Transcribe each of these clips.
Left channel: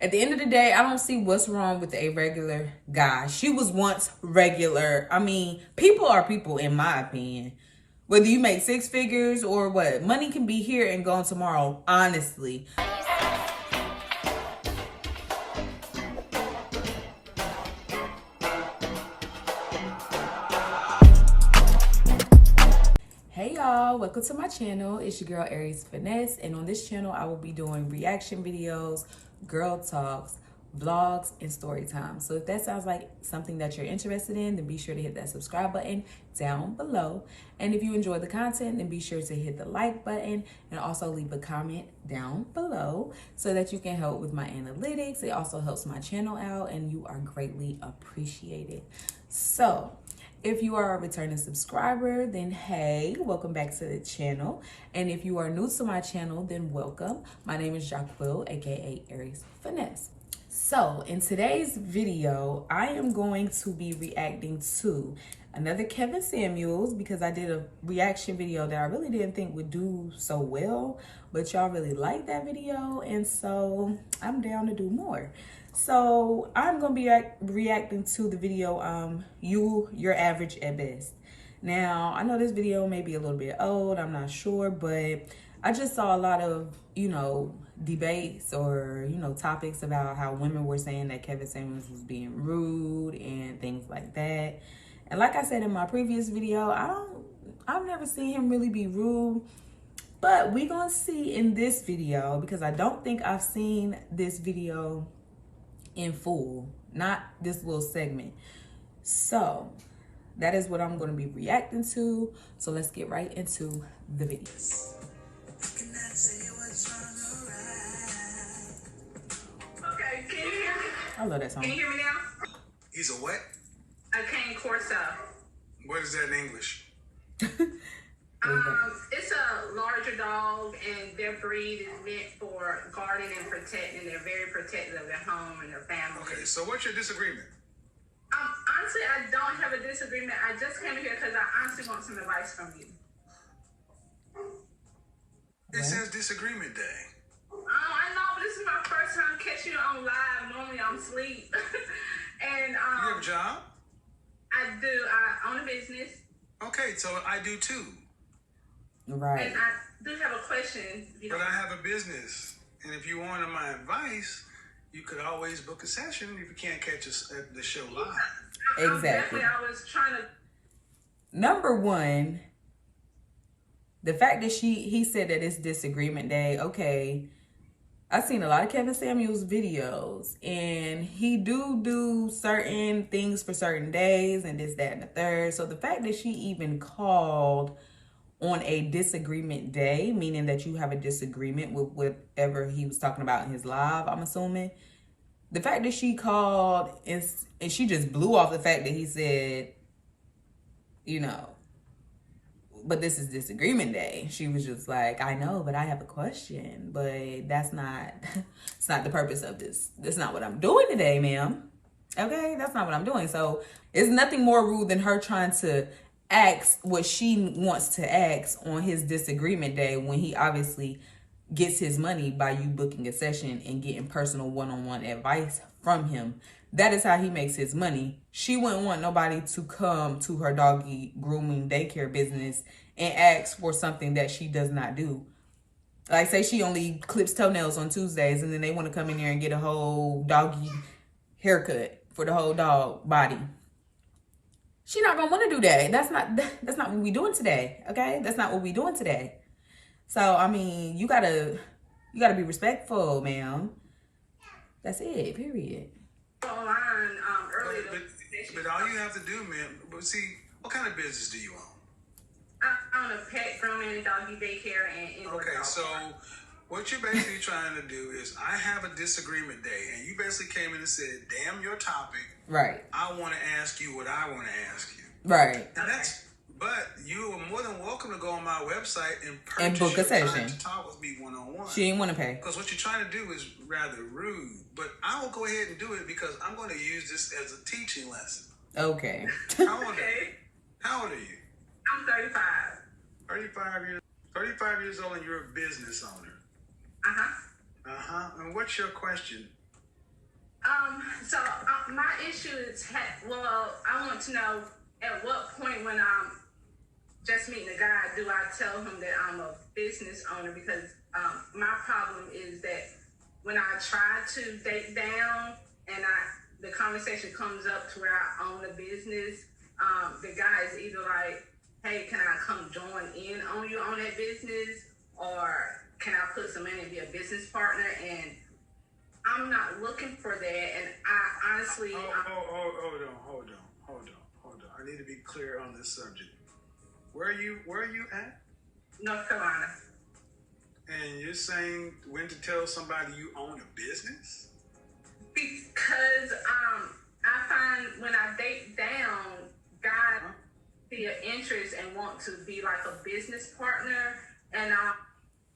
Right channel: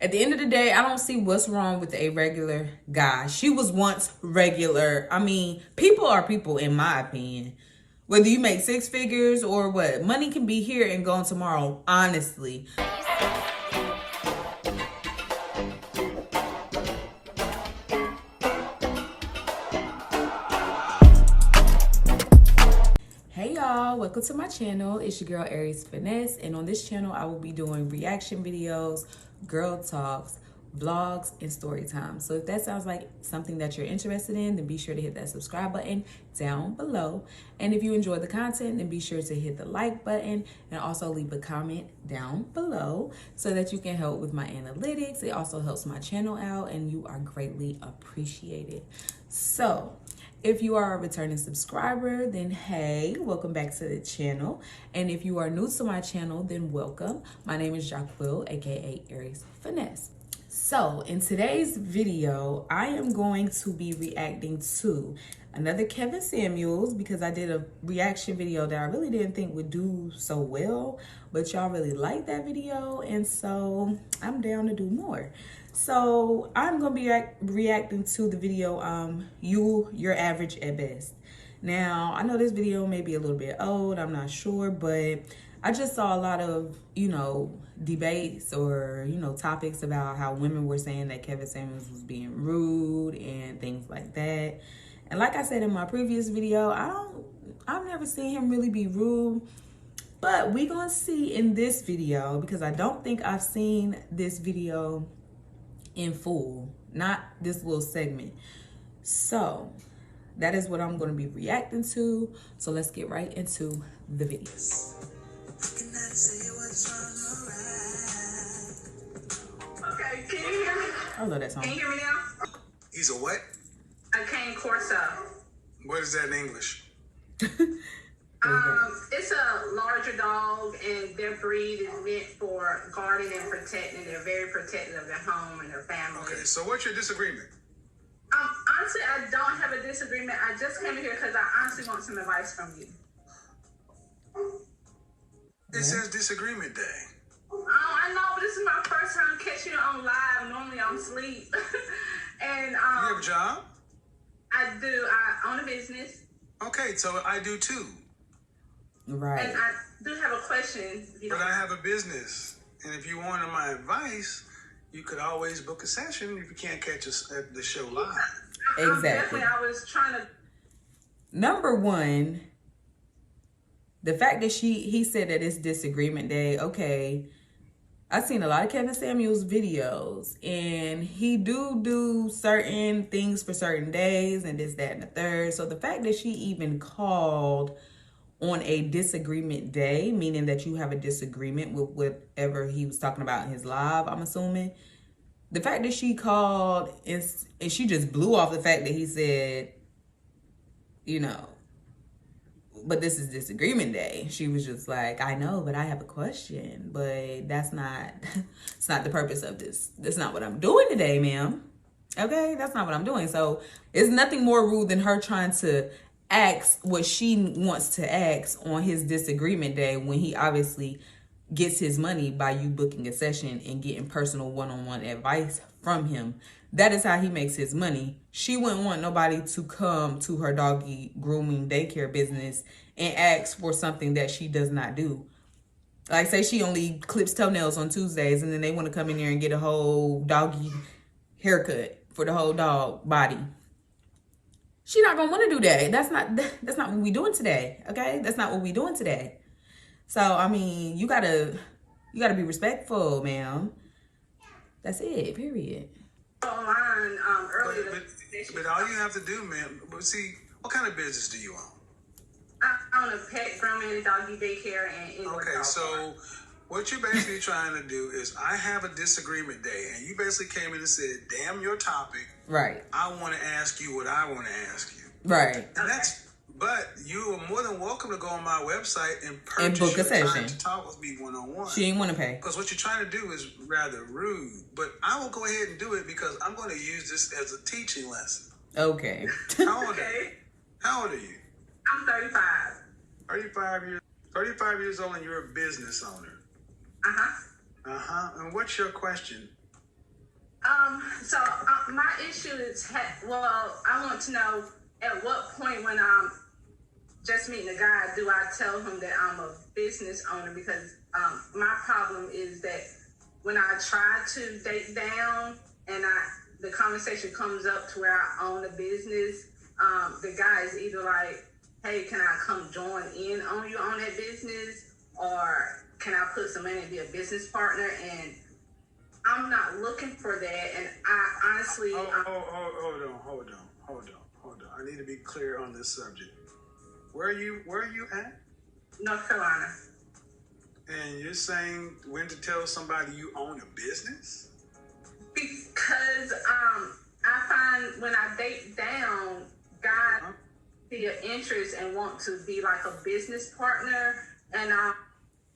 At the end of the day, I don't see what's wrong with a regular guy. She was once regular. I mean, people are people, in my opinion. Whether you make six figures or what, money can be here and gone tomorrow, honestly. Hey y'all, welcome to my channel. It's your girl Aries Finesse, and on this channel I will be doing reaction videos, girl talks, vlogs, and story time. So if that sounds like something that you're interested in, then be sure to hit that subscribe button down below. And if you enjoy the content, then be sure to hit the like button and also leave a comment down below so that you can help with my analytics. It also helps my channel out and you are greatly appreciated. So if you are a returning subscriber, then hey, welcome back to the channel. And if you are new to my channel, then welcome. My name is Jaquil, aka Aries Finesse. So in today's video, I am going to be reacting to another Kevin Samuels because I did a reaction video that I really didn't think would do so well, but y'all really liked that video, and so I'm down to do more. So I'm gonna be reacting to the video, You're Average at Best. Now, I know this video may be a little bit old, I'm not sure, but I just saw a lot of, debates or, topics about how women were saying that Kevin Samuels was being rude and things like that. And like I said in my previous video, I've never seen him really be rude. But we're gonna see in this video, because I don't think I've seen this video in full, not this little segment. So that is what I'm going to be reacting to. So let's get right into the video. Okay, can you hear me? I love that song. Can you hear me now? He's a what? A cane corso. What is that in English? It's a larger dog, and their breed is meant for guarding and protecting. They're very protective of their home and their family. Okay, so what's your disagreement? Honestly, I don't have a disagreement. I just came here because I honestly want some advice from you. It says disagreement day. Oh, I know, but this is my first time catching you on live. Normally I'm asleep. And You have a job? I do. I own a business. Okay, so I do too. Right. And I do have a question. But I have a business. And if you wanted my advice, you could always book a session if you can't catch us at the show live. Exactly. I was trying to. Number one, the fact that he said that it's disagreement day. Okay, I've seen a lot of Kevin Samuels videos, and he do certain things for certain days and this, that, and the third. So the fact that she even called on a disagreement day, meaning that you have a disagreement with whatever he was talking about in his live, I'm assuming. The fact that she called and she just blew off the fact that he said, but this is disagreement day. She was just like, I know, but I have a question, but that's not, it's not the purpose of this. That's not what I'm doing today, ma'am. Okay, that's not what I'm doing. So it's nothing more rude than her trying to ask what she wants to ask on his disagreement day when he obviously gets his money by you booking a session and getting personal one-on-one advice from him. That is how he makes his money. She wouldn't want nobody to come to her doggy grooming daycare business and ask for something that she does not do. Like, say she only clips toenails on Tuesdays, and then they want to come in there and get a whole doggy haircut for the whole dog body. She's not gonna want to do that. That's not what we doing today. Okay, that's not what we doing today. So I mean, you gotta be respectful, ma'am. That's it. Period. Online earlier. But all you have to do, man. But see, what kind of business do you own? I own a pet grooming, doggy daycare, and indoor Okay, dog so park. what you're basically trying to do is, I have a disagreement day, and you basically came in and said, "Damn your topic." Right. I want to ask you what I want to ask you. Right. And that's. But you are more than welcome to go on my website and purchase And book a your time session to talk with me one-on-one. She ain't want to pay. Because what you're trying to do is rather rude. But I will go ahead and do it because I'm going to use this as a teaching lesson. Okay. How old are you? How old are you? I'm 35. 35 years old, and you're a business owner. Uh-huh. Uh-huh. And what's your question? My issue is, well, I want to know at what point when I'm just meeting a guy, do I tell him that I'm a business owner? Because my problem is that when I try to date down and the conversation comes up to where I own a business, the guy is either like, hey, can I come join in on you on that business? Or can I put some money and be a business partner? And I'm not looking for that. And I honestly... Hold on. I need to be clear on this subject. Where are you at? North Carolina. And you're saying when to tell somebody you own a business? Because I find when I date down, guys see an interest and want to be like a business partner. And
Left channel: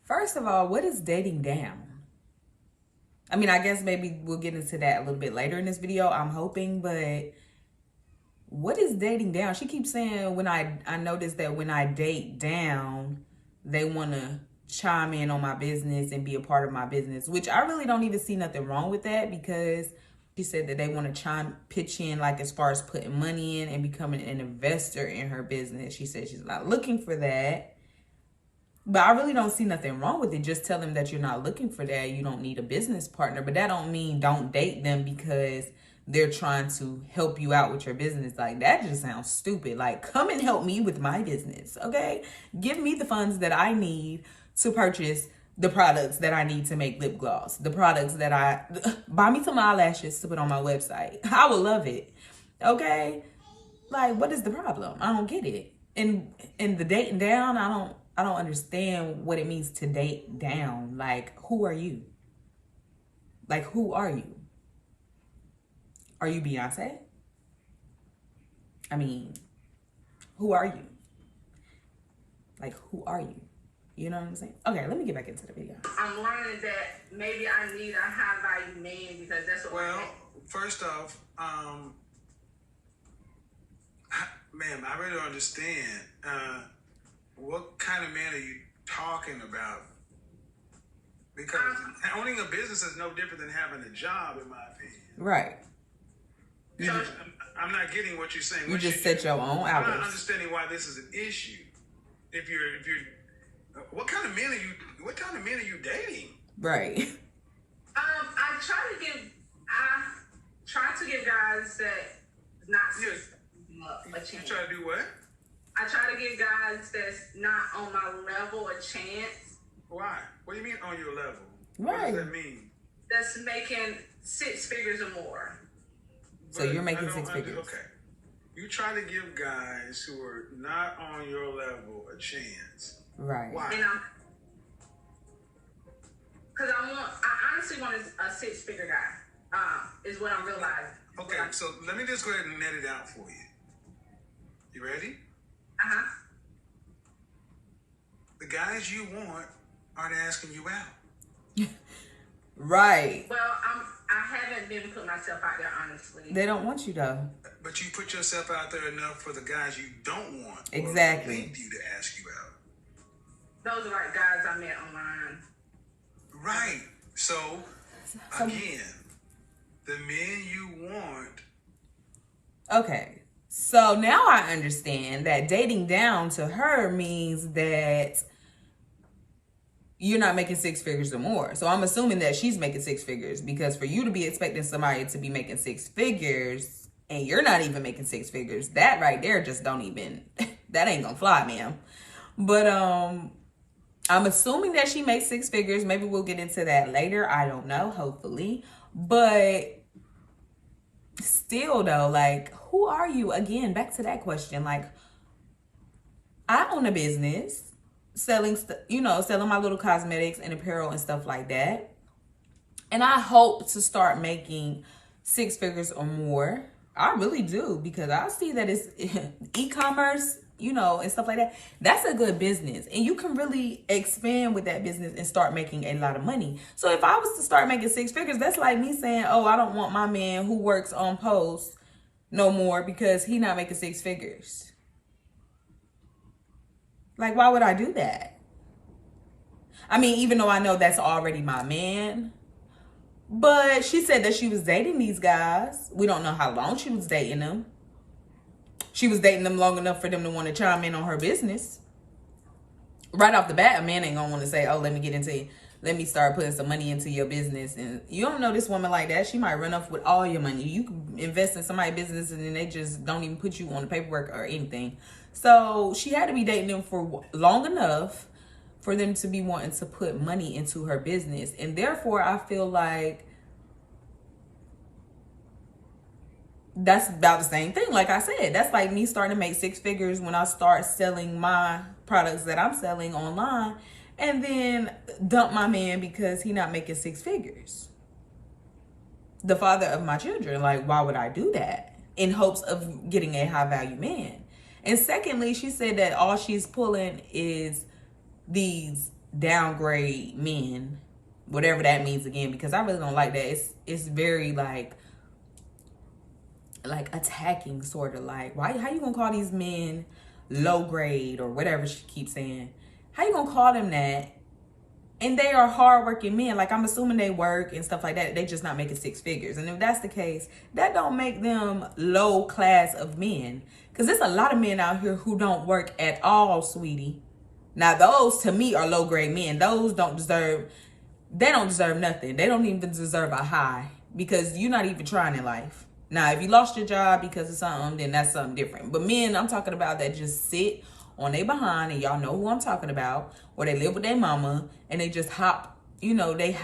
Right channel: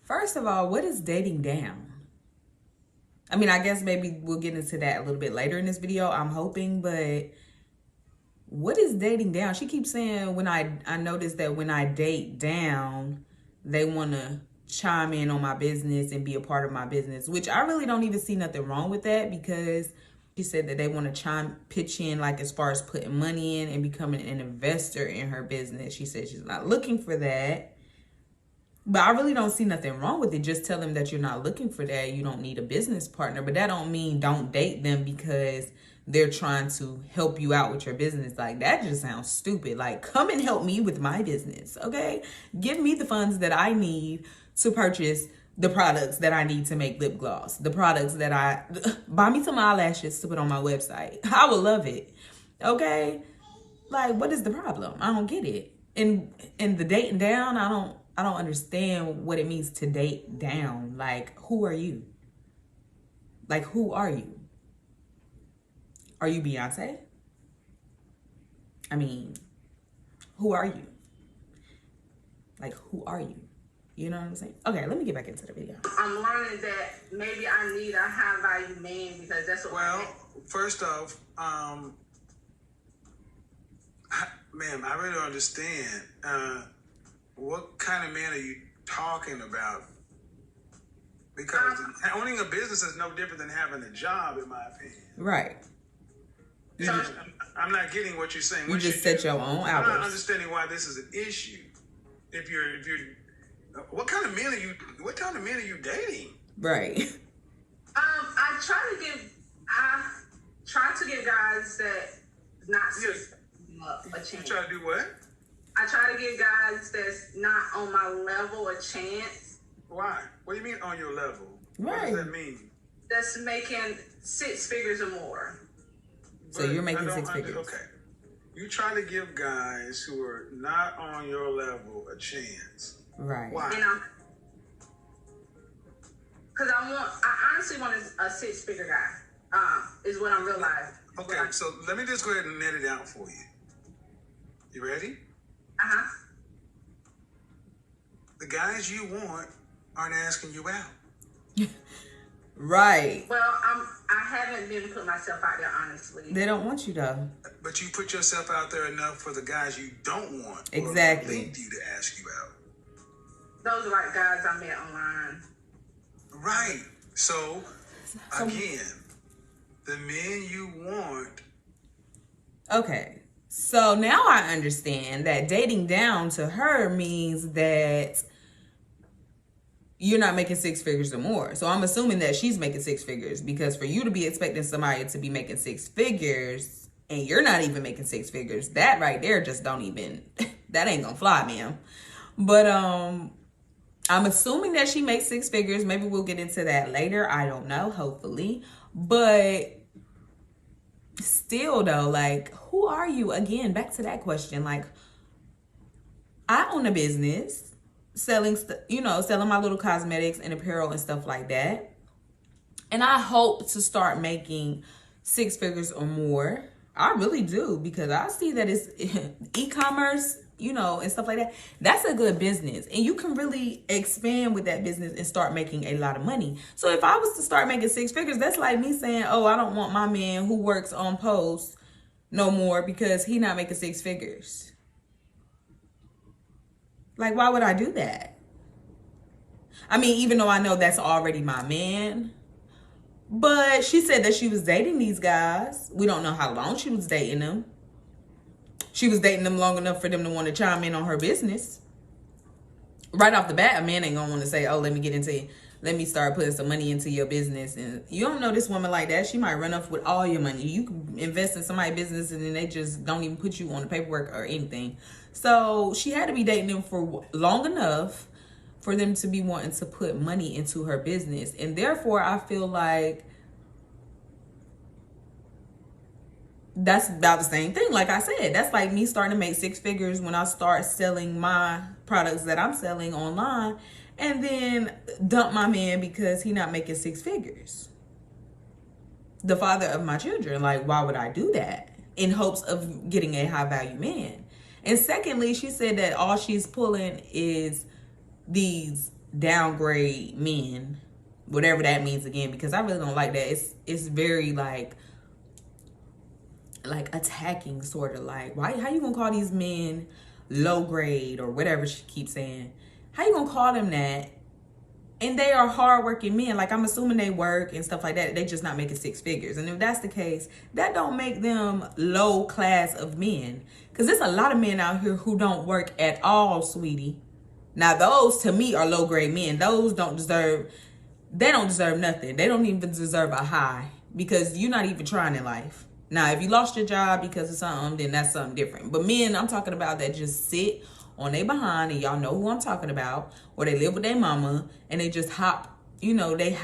First of all, what is dating down? I mean, I guess maybe we'll get into that a little bit later in this video, I'm hoping, but what is dating down? She keeps saying when I noticed that when I date down, they want to chime in on my business and be a part of my business, which I really don't even see nothing wrong with that, because she said that they want to pitch in, like as far as putting money in and becoming an investor in her business. She said she's not looking for that. But I really don't see nothing wrong with it. Just tell them that you're not looking for that. You don't need a business partner. But that don't mean don't date them because they're trying to help you out with your business. Like, that just sounds stupid. Like, come and help me with my business, okay? Give me the funds that I need to purchase the products that I need to make lip gloss. The products that buy me some eyelashes to put on my website. I would love it, okay? Like, what is the problem? I don't get it. And the dating down, I don't understand what it means to date down. Like, who are you? Like, who are you? Are you Beyonce? I mean, who are you? Like, who are you? You know what I'm saying? Okay, let me get back into the video. I'm learning that maybe I need a high value man because that's what. Well, first off, ma'am, I really don't understand. What kind of man are you talking about? Because owning a business is no different than having a job, in my opinion. Right. I'm not getting what you're saying. You just set your own hours. I'm not understanding why this is an issue. If you're, what kind of men are you dating? Right. I try to give guys that not a chance. You try to do what? I try to give guys that's not on my level a chance. Why? What do you mean on your level? Right. What does that mean? That's making 6 figures or more. So you're making 6 figures. Okay. You try to give guys who are not on your level a chance. Right. Why? Because I honestly want a 6-figure guy. Is what I'm realizing. Okay, so let me just go ahead and net it out for you. You ready? Uh-huh. The guys you want aren't asking you out. Right. Well, I haven't been putting myself out there, honestly. They don't want you though. But you put yourself out there enough for the guys you don't want. Exactly. Or need you to ask you out. Those are like guys I met online. Right. So again, the men you want. Okay. So now I understand that dating down to her means that you're not making 6 figures or more. So I'm assuming that she's making 6 figures, because for you to be expecting somebody to be making 6 figures and you're not even making 6 figures, that right there just don't even, that ain't gonna fly, ma'am. But I'm assuming that she makes 6 figures. Maybe we'll get into that later. I don't know, hopefully. But still though, like, who are you? Again, back to that question. Like, I own a business selling my little cosmetics and apparel and stuff like that. And I hope to start making 6 figures or more. I really do, because I see that it's e-commerce, and stuff like that. That's a good business. And you can really expand with that business and start making a lot of money. So if I was to start making 6 figures, that's like me saying, oh, I don't want my man who works on post no more because he not making 6 figures. Like, why would I do that? I mean, even though I know that's already my man, But she said that she was dating these guys. We don't know how long she was dating them. She was dating them long enough for them to want to chime in on her business. Right off the bat, a man ain't gonna want to say, oh, let me start putting some money into your business. And you don't know this woman like that. She might run off with all your money. You can invest in somebody's business and then they just don't even put you on the paperwork or anything. So she had to be dating them for long enough for them to be wanting to put money into her business. And therefore, I feel like that's about the same thing. Like I said, that's like me starting to make 6 figures when I start selling my products that I'm selling online and then dump my man because he not making 6 figures. The father of my children. Like, why would I do that? In hopes of getting a high value man. And secondly, she said that all she's pulling is these downgrade men, whatever that means again, because I really don't like that. It's very like attacking, sort of like, how you gonna call these men low grade or whatever she keeps saying? How you gonna call them that? And they are hardworking men. Like, I'm assuming they work and stuff like that. They just not making 6 figures. And if that's the case, that don't make them low class of men. Because there's a lot of men out here who don't work at all, sweetie. Now, those to me are low grade men. Those don't deserve nothing. They don't even deserve a high because you're not even trying in life. Now, if you lost your job because of something, then that's something different. But men, I'm talking about that just sit on their behind, and y'all know who I'm talking about, or they live with their mama, and they just hop, they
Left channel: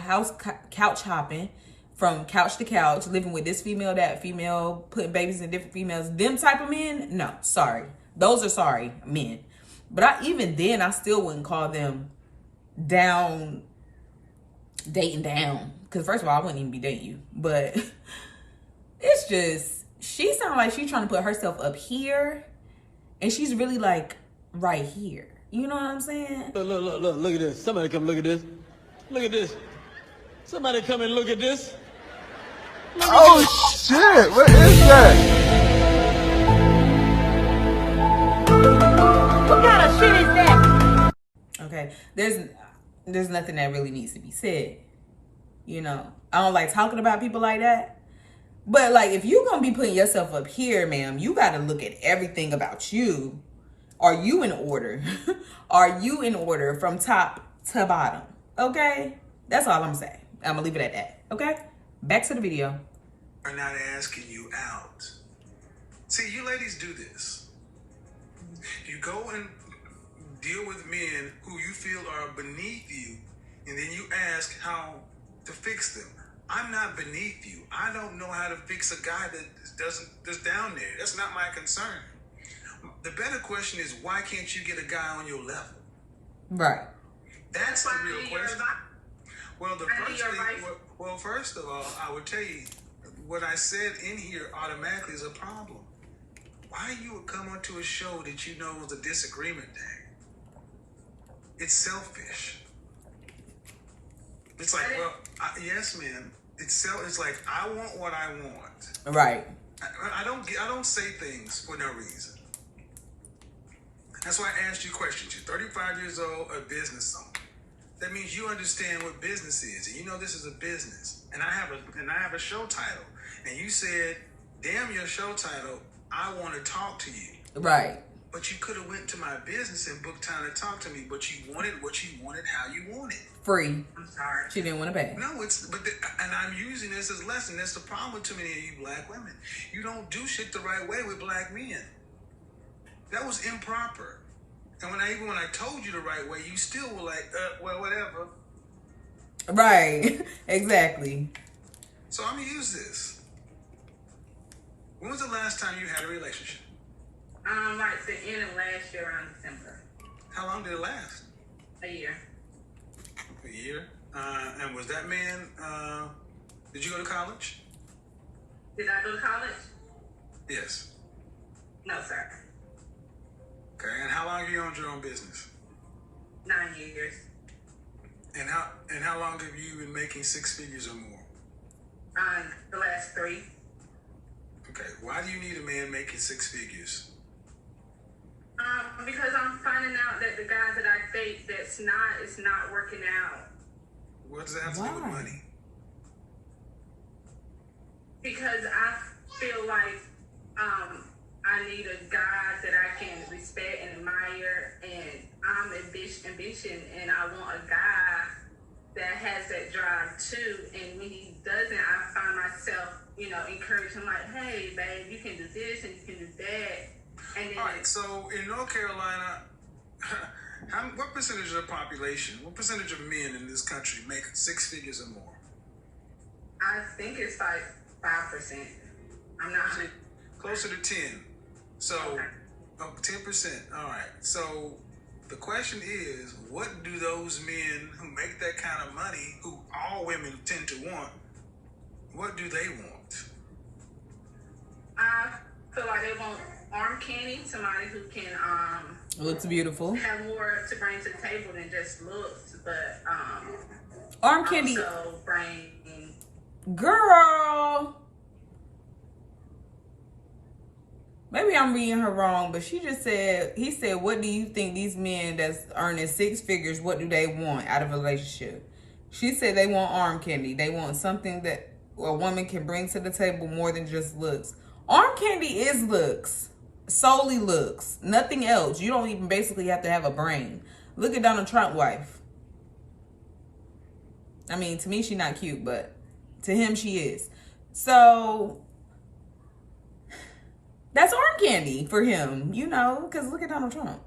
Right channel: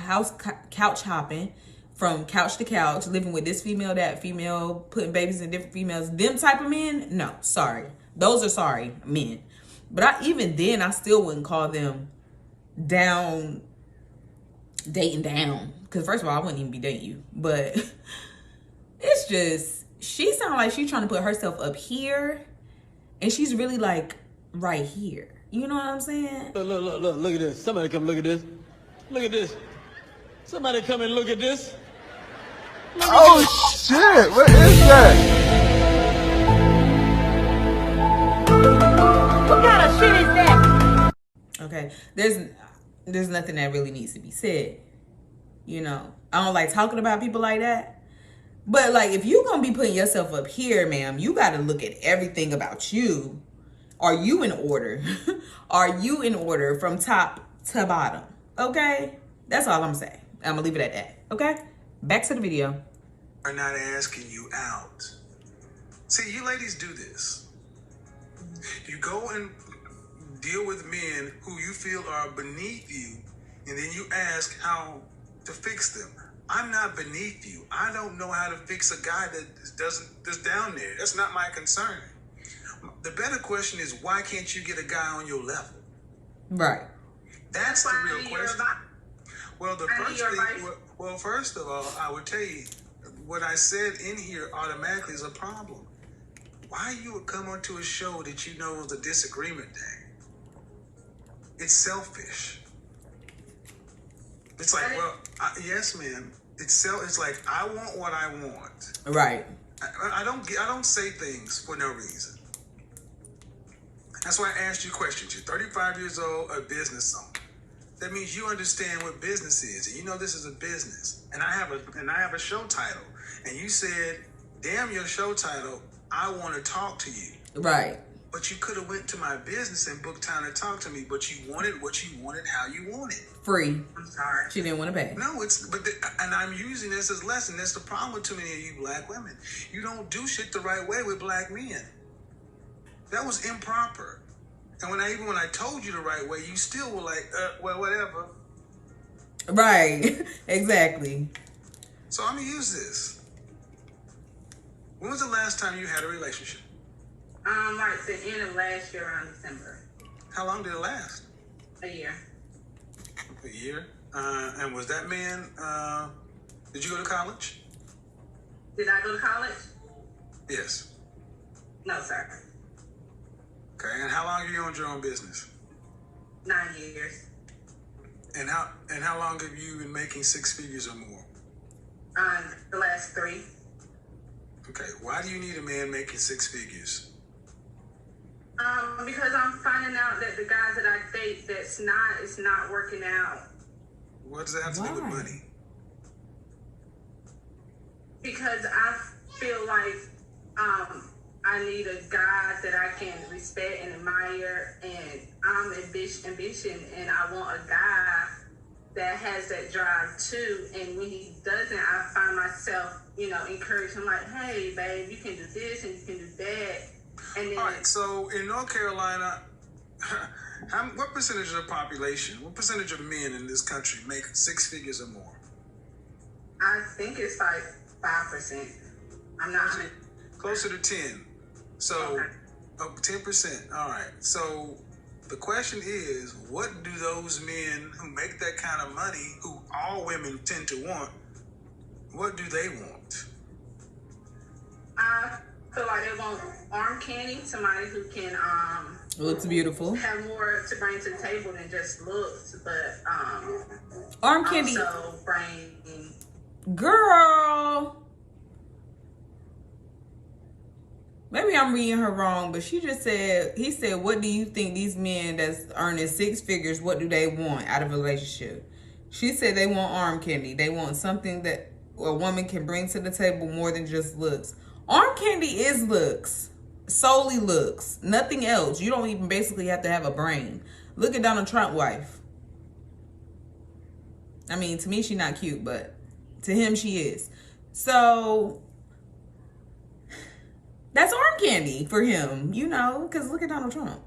couch hopping from couch to couch, living with this female, that female, putting babies in different females. Them type of men, no, sorry. Those are sorry men. But even then, I still wouldn't call them dating down. Because first of all, I wouldn't even be dating you. But it's just, she sounds like she's trying to put herself up here. And she's really like right here. You know what I'm saying? Look at this. Somebody come look at this. Look at this. Somebody come and look at this. Oh shit, what is that? What kind of shit is that? Okay, there's nothing that really needs to be said. I don't like talking about people like that. But like, if you're gonna be putting yourself up here, ma'am, you gotta look at everything about you. Are you in order? Are you in order from top to bottom? Okay? That's all I'm saying. I'm gonna leave it at that. Okay? Back to the video. Are not asking you out. See, you ladies do this. You go and deal with men who you feel are beneath you, and then you ask how to fix them. I'm not beneath you. I don't know how to fix a guy that's down there. That's not my concern. The better question is, why can't you get a guy on your level? Right. That's the real question. Well, first of all, I would tell you, what I said in here automatically is a problem. Why you would come onto a show that you know is a disagreement day? It's selfish. It's like, yes, ma'am. It's like, I want what I want. Right. I don't say things for no reason. That's why I asked you questions. You're 35 years old, a business owner. That means you understand what business is, and you know this is a business. And I have a show title, and you said, "Damn your show title, I want to talk to you." Right. But you could have went to my business and booked time to talk to me. But you wanted what you wanted, how you wanted. Free. I'm sorry. She didn't want to pay. No, and I'm using this as a lesson. That's the problem with too many of you black women. You don't do shit the right way with black men. That was improper. And when I told you the right way, you still were like, well, whatever. Right. Exactly. So I'm gonna use this. When was the last time you had a relationship? Like the end of last year around December. How long did it last? A year. A year? And was that man, did you go to college? Did I go to college? Yes. No, sir. Okay, and how long have you owned your own business? 9 years. And how long have you been making 6 figures or more? The last 3. Okay, why do you need a man making 6 figures? Because I'm finding out that the guys that I date it's not working out. What does that have to do with Why? money? because I feel like I need a guy that I can respect and admire, and I'm ambition, and I want a guy that has that drive too. And when he doesn't, I find myself, encourage him like, hey, babe, you can do this and you can do that. And then, all right, so in North Carolina, what percentage of the population, what percentage of men in this country make 6 figures or more? I think it's like 5%. I'm not sure. Closer to 10. So, Okay. 10%. All right. So, the question is, what do those men who make that kind of money, who all women tend to want, what do they want? I feel like they want arm candy, somebody who can Looks beautiful. have more to bring to the table than just looks, but Arm candy. also bring. Girl. Maybe I'm reading her wrong, but he said, what do you think these men that's earning 6 figures, what do they want out of a relationship? She said they want arm candy. They want something that a woman can bring to the table more than just looks. Arm candy is looks. Solely looks. Nothing else. You don't even basically have to have a brain. Look at Donald Trump's wife. I mean, to me, she's not cute, but to him, she is. So that's arm candy for him, because look at Donald Trump.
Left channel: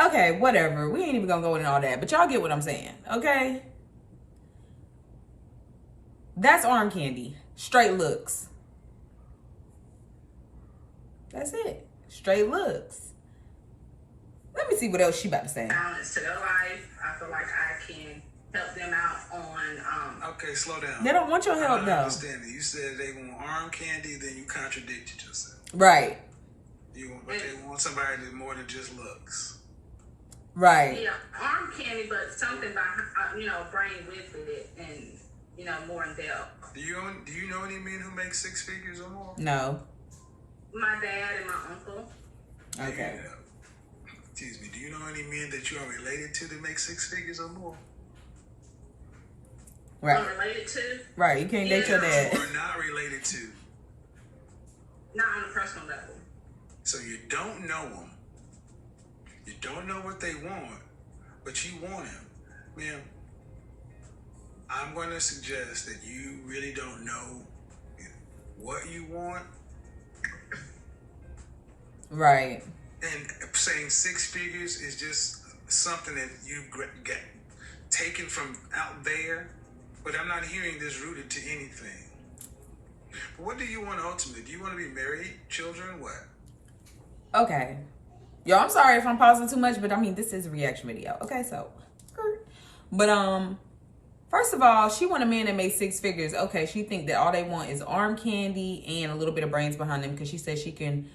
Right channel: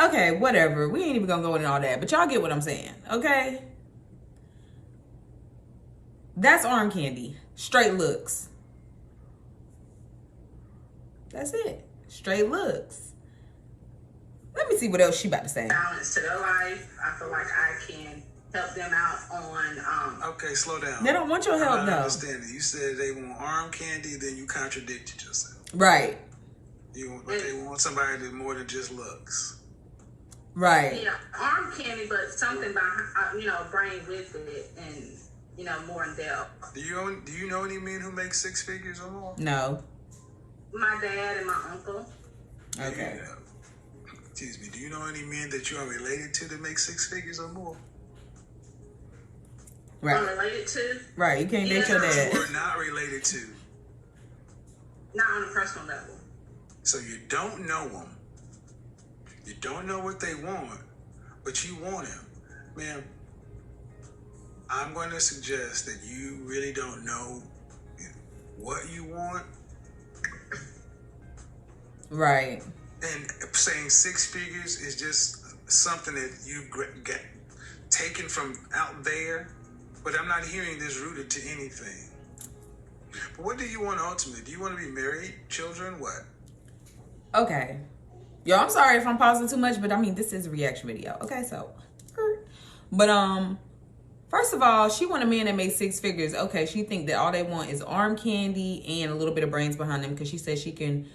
Okay, whatever. We ain't even gonna go into all that, but y'all get what I'm saying, okay? That's arm candy. Straight looks. That's it. Straight looks. Let me see what else she about to say. Balance to their life. I feel like I can help them out on. Okay, slow down. They don't want your help, I'm though. not understanding. You said they want arm candy, then you contradicted yourself. Right. They want somebody that more than just looks. Right. Yeah, arm candy, but something behind, bring with it, and more in depth. Do you know any men who make 6 figures or more? No. My dad and my uncle. Okay. Excuse me. Do you know any men that you are related to that make 6 figures or more? Right. I'm related to. Right. You can't date your dad. Or not related to. Not on a personal level. So you don't know them. You don't know what they want, but you want him. Ma'am, I'm going to suggest that you really don't know what you want. Right. And saying 6 figures is just something that you get taken from out there. But I'm not hearing this rooted to anything. But what do you want ultimately? Do you want to be married, children, what? Okay. Yo, I'm sorry if I'm pausing too much, but this is a reaction video. Okay, so. But, first of all, she want a man that makes 6 figures. Okay, she think that all they want is arm candy and a little bit of brains behind them because she says she can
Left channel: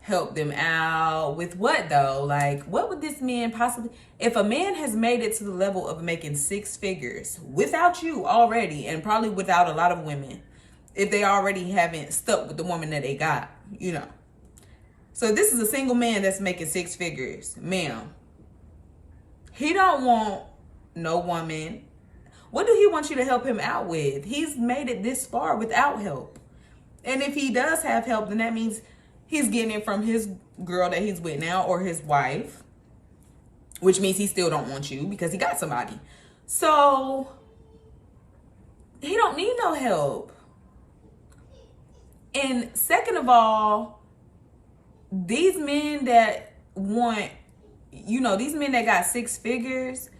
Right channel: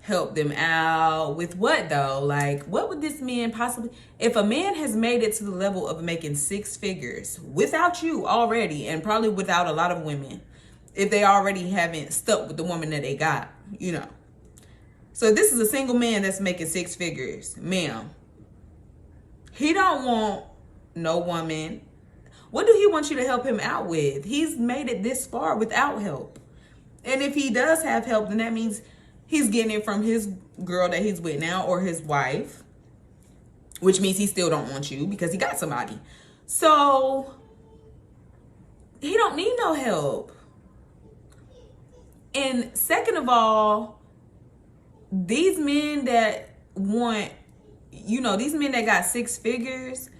help them out with what, though? Like, what would this man possibly... If a man has made it to the level of making 6 figures without you already, and probably without a lot of women, if they already haven't stuck with the woman that they got, So this is a single man that's making 6 figures. Ma'am, he don't want no woman. What do he want you to help him out with? He's made it this far without help. And if he does have help, then that means he's getting it from his girl that he's with now or his wife, which means he still don't want you because he got somebody. So he don't need no help. And second of all, these men that want, these men that got 6 figures,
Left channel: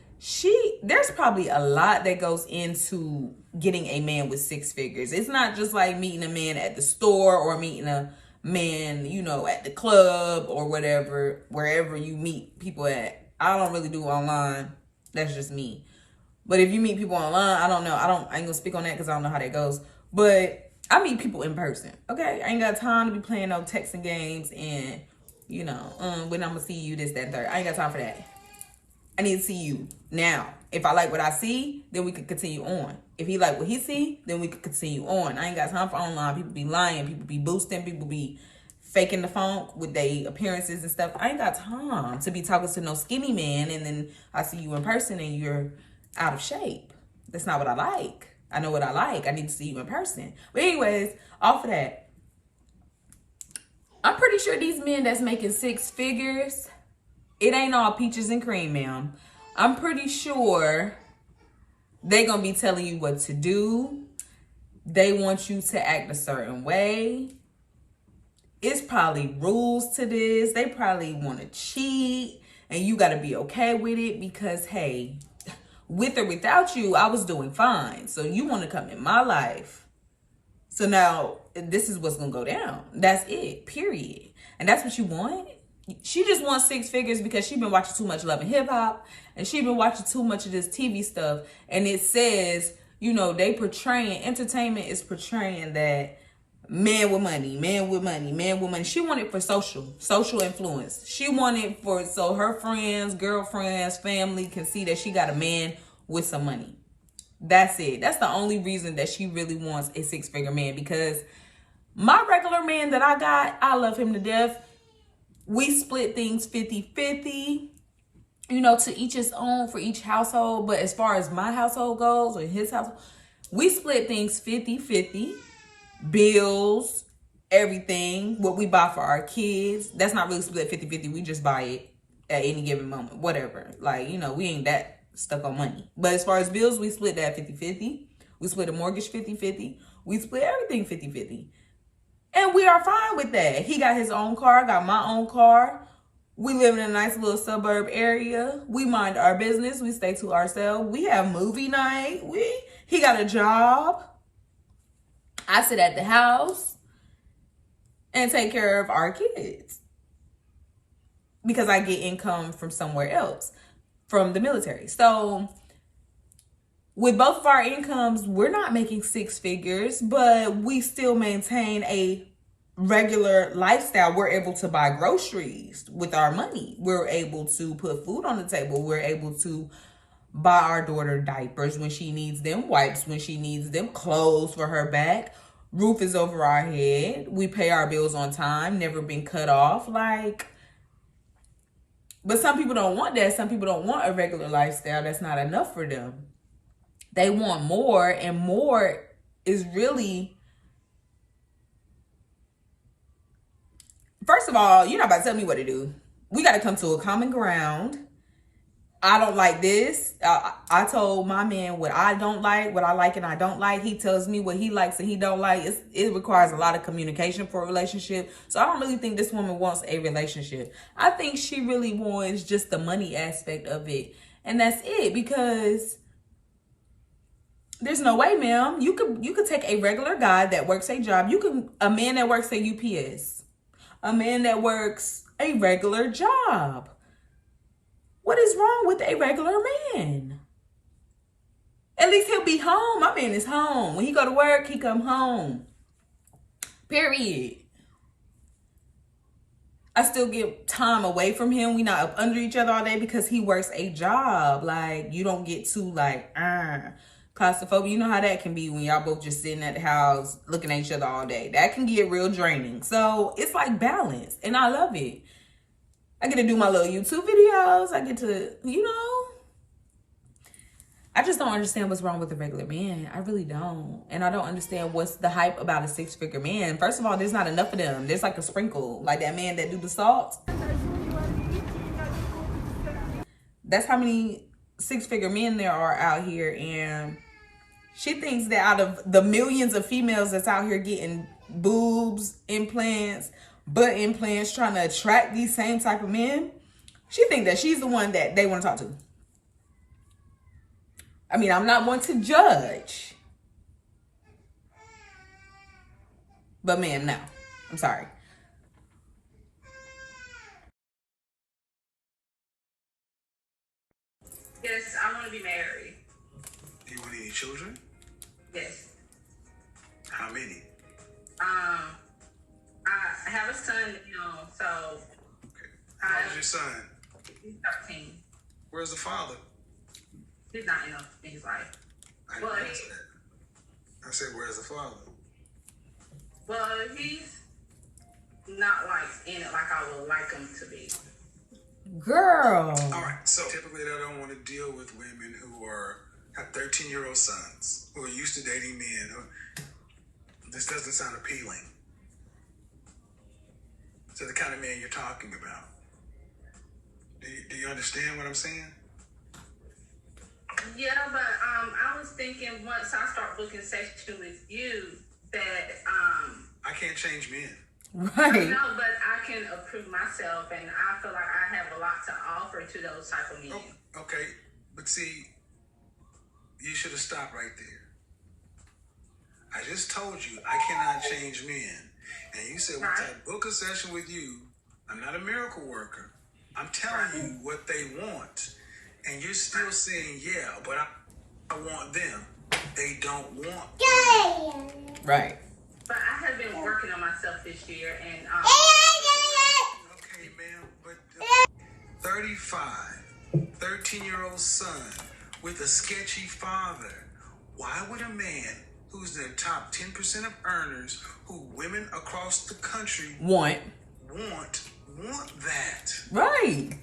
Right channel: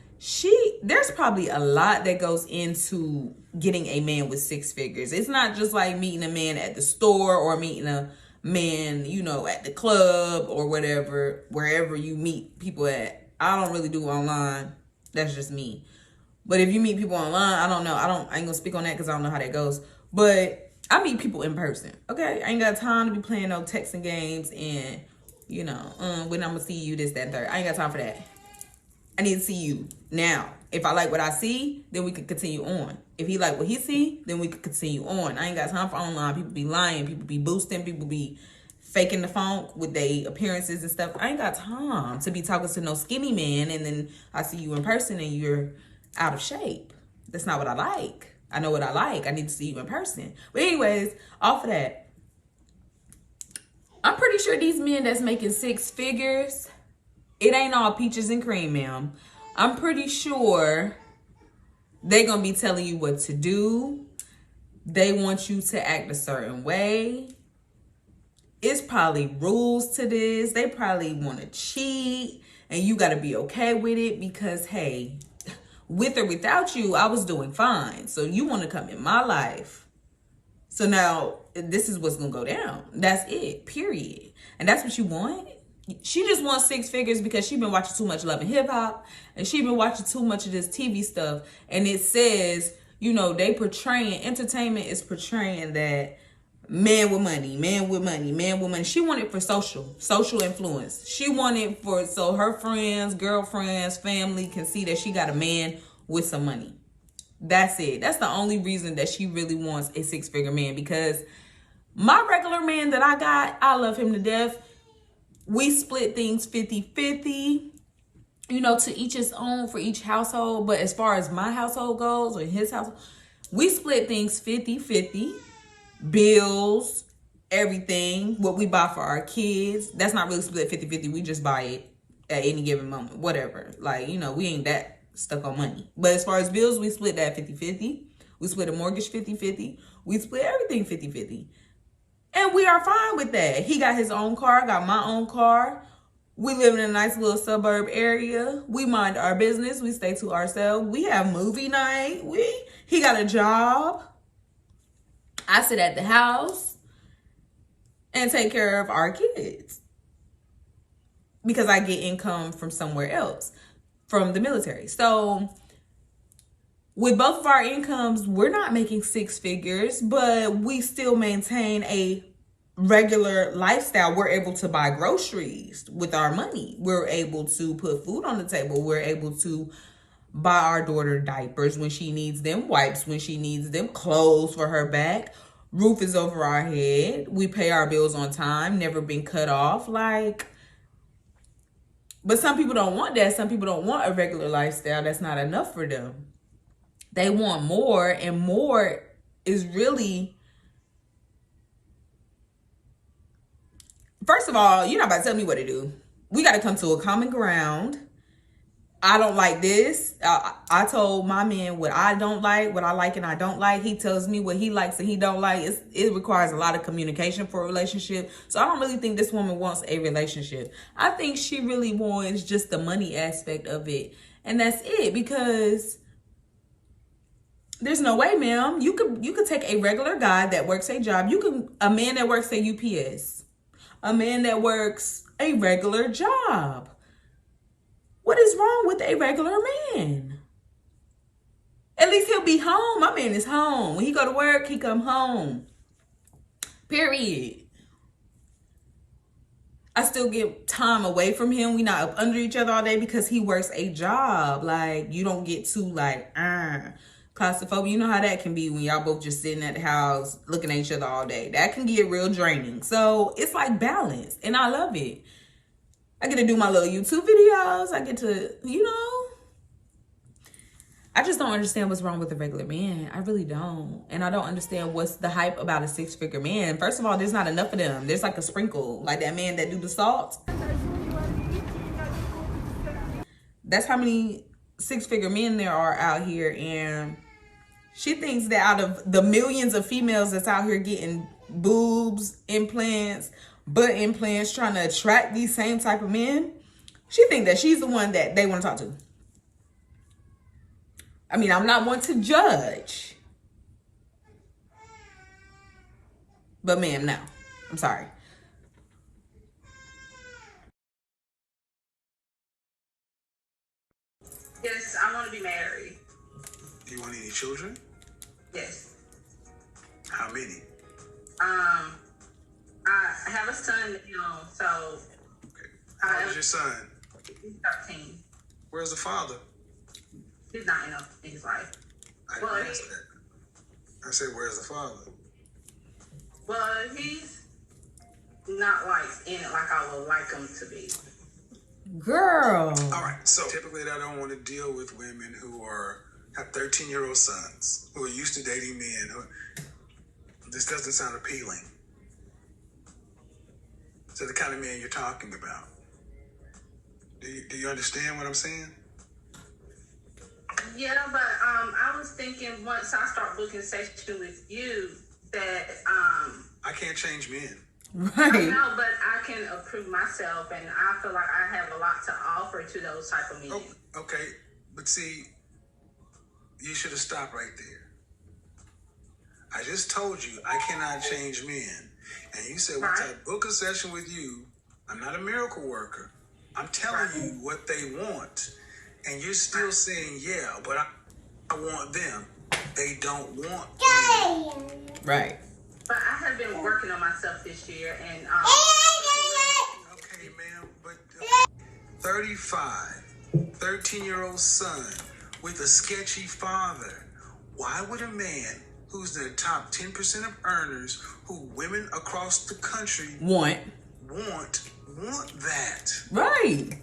there's probably a lot that goes into getting a man with 6 figures. It's not just like meeting a man at the store or meeting a man, at the club or whatever, wherever you meet people at. I don't really do online. That's just me. But if you meet people online, I don't know. I ain't gonna speak on that because I don't know how that goes. But I meet people in person. Okay, I ain't got time to be playing no texting games and when I'm gonna see you, this, that, and third. I ain't got time for that. I need to see you now. If I like what I see, then we can continue on. If he like what he see, then we can continue on. I ain't got time for online. People be lying. People be boosting. People be faking the funk with their appearances and stuff. I ain't got time to be talking to no skinny man and then I see you in person and you're out of shape. That's not what I like. I know what I like. I need to see you in person. But anyways, off of that, I'm pretty sure these men that's making 6 figures, it ain't all peaches and cream, ma'am. I'm pretty sure they gonna be telling you what to do. They want you to act a certain way. It's probably rules to this. They probably want to cheat, and you got to be okay with it because, hey, with or without you, I was doing fine. So you want to come in my life. So now this is what's going to go down. That's it, period. And that's what you want? She just wants 6 figures because she been watching too much Love and Hip Hop, and she been watching too much of this TV stuff. And it says, you know, entertainment is portraying that man with money, man with money, man with money. She wanted for social influence. She wanted for, so her friends, girlfriends, family can see that she got a man with some money. That's it. That's the only reason that she really wants a 6-figure man, because my regular man that I got, I love him to death. We split things 50-50, you know, to each his own for each household. But as far as my household goes, or his household, we split things 50-50. Bills, everything, what we buy for our kids. That's not really split 50-50. We just buy it at any given moment, whatever. Like, you know, we ain't that stuck on money. But as far as bills, we split that 50-50. We split a mortgage 50-50. We split everything 50-50. And we are fine with that. He got his own car, I got my own car. We live in a nice little suburb area. We mind our business. We stay to ourselves. We have movie night. He got a job. I sit at the house and take care of our kids because I get income from somewhere else, from the military. So with both of our incomes, we're not making 6 figures, but we still maintain a regular lifestyle. We're able to buy groceries with our money. We're able to put food on the table. We're able to buy our daughter diapers when she needs them, wipes when she needs them, clothes for her back. Roof is over our head. We pay our bills on time, never been cut off. Like, but some people don't want that. Some people don't want a regular lifestyle. That's not enough for them. They want more, and more is really, first of all, you're not about to tell me what to do. We got to come to a common ground. I don't like this. I told my man what I don't like, what I like and I don't like. He tells me what he likes and he don't like. It requires a lot of communication for a relationship. So I don't really think this woman wants a relationship. I think she really wants just the money aspect of it. And that's it, because there's no way, ma'am. You could take a regular guy that works a job. A man that works at UPS. A man that works a regular job. What is wrong with a regular man? At least he'll be home. My man is home. When he go to work, he come home. Period. I still get time away from him. We not up under each other all day because he works a job. Like, you don't get too like, claustrophobia. You know how that can be when y'all both just sitting at the house looking at each other all day. That can get real draining. So it's like balance, and I love it. I get to do my little YouTube videos. I get to, you know, I just don't understand what's wrong with a regular man. I really don't. And I don't understand what's the hype about a 6-figure man. First of all, there's not enough of them. There's like a sprinkle, like that man that do the salt. That's how many 6-figure men there are out here. And she thinks that out of the millions of females that's out here getting boobs, implants, butt implants, trying to attract these same type of men, she think that she's the one that they want to talk to. I mean, I'm not one to judge, but ma'am, no, I'm sorry. Yes, I want to be married. Do you want any children? Yes. How many? I have a son, you know, so. Okay. How old is your son? He's 13. Where's the father? He's not in his life. I didn't ask that. I said, where's the father? Well, he's not like in it like I would like him to be. Girl. All right. So typically I don't want to deal with women who are have 13-year-old sons who are used to dating men. This doesn't sound appealing. So the kind of man you're talking about. Do you understand what I'm saying? Yeah, but I was thinking once I start booking session with you that I can't change men. Right. No, but I can approve myself, and I feel like I have a lot to offer to those type of men. Oh, okay, but see, you should have stopped right there. I just told you I cannot change men, and you said once I book a session with you, I'm not a miracle worker. I'm telling you what they want, and you're still saying yeah, but I want them. They don't want me. Right. But I have been working on myself this year, and okay, ma'am, but 35, 13-year-old son with a sketchy father. Why would a man who's the top 10% of earners, who women across the country Want that? Right.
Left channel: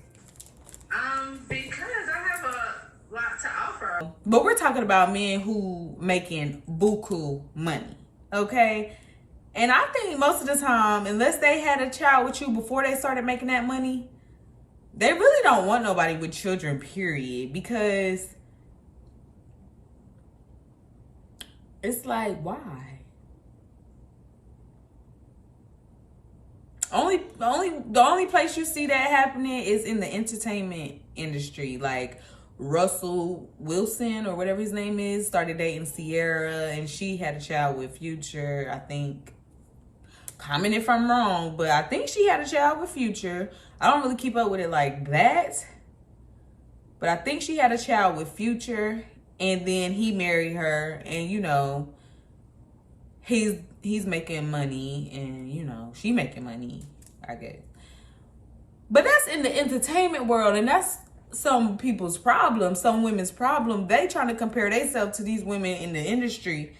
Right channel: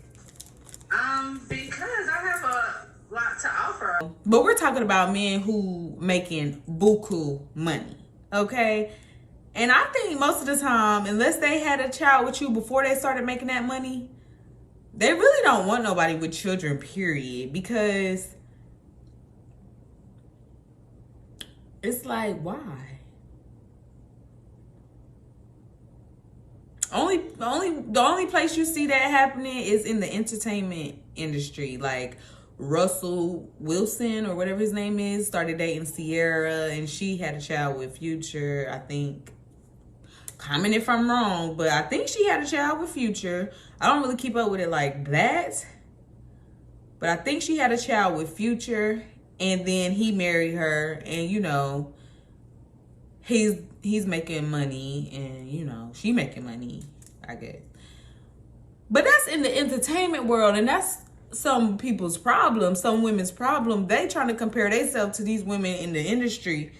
because I have a lot to offer. But we're talking about men who making buku money, okay? And I think most of the time, unless they had a child with you before they started making that money, they really don't want nobody with children, period. Because it's like, why? The only place you see that happening is in the entertainment industry. Like Russell Wilson or whatever his name is started dating Sierra, and she had a child with Future. I think, comment if I'm wrong, but I think she had a child with Future. I don't really keep up with it like that, but I think she had a child with Future, and then he married her, and you know, he's making money, and you know, she making money, I guess. But that's in the entertainment world, and that's some people's problem, some women's problem. They trying to compare themselves to these women in the industry,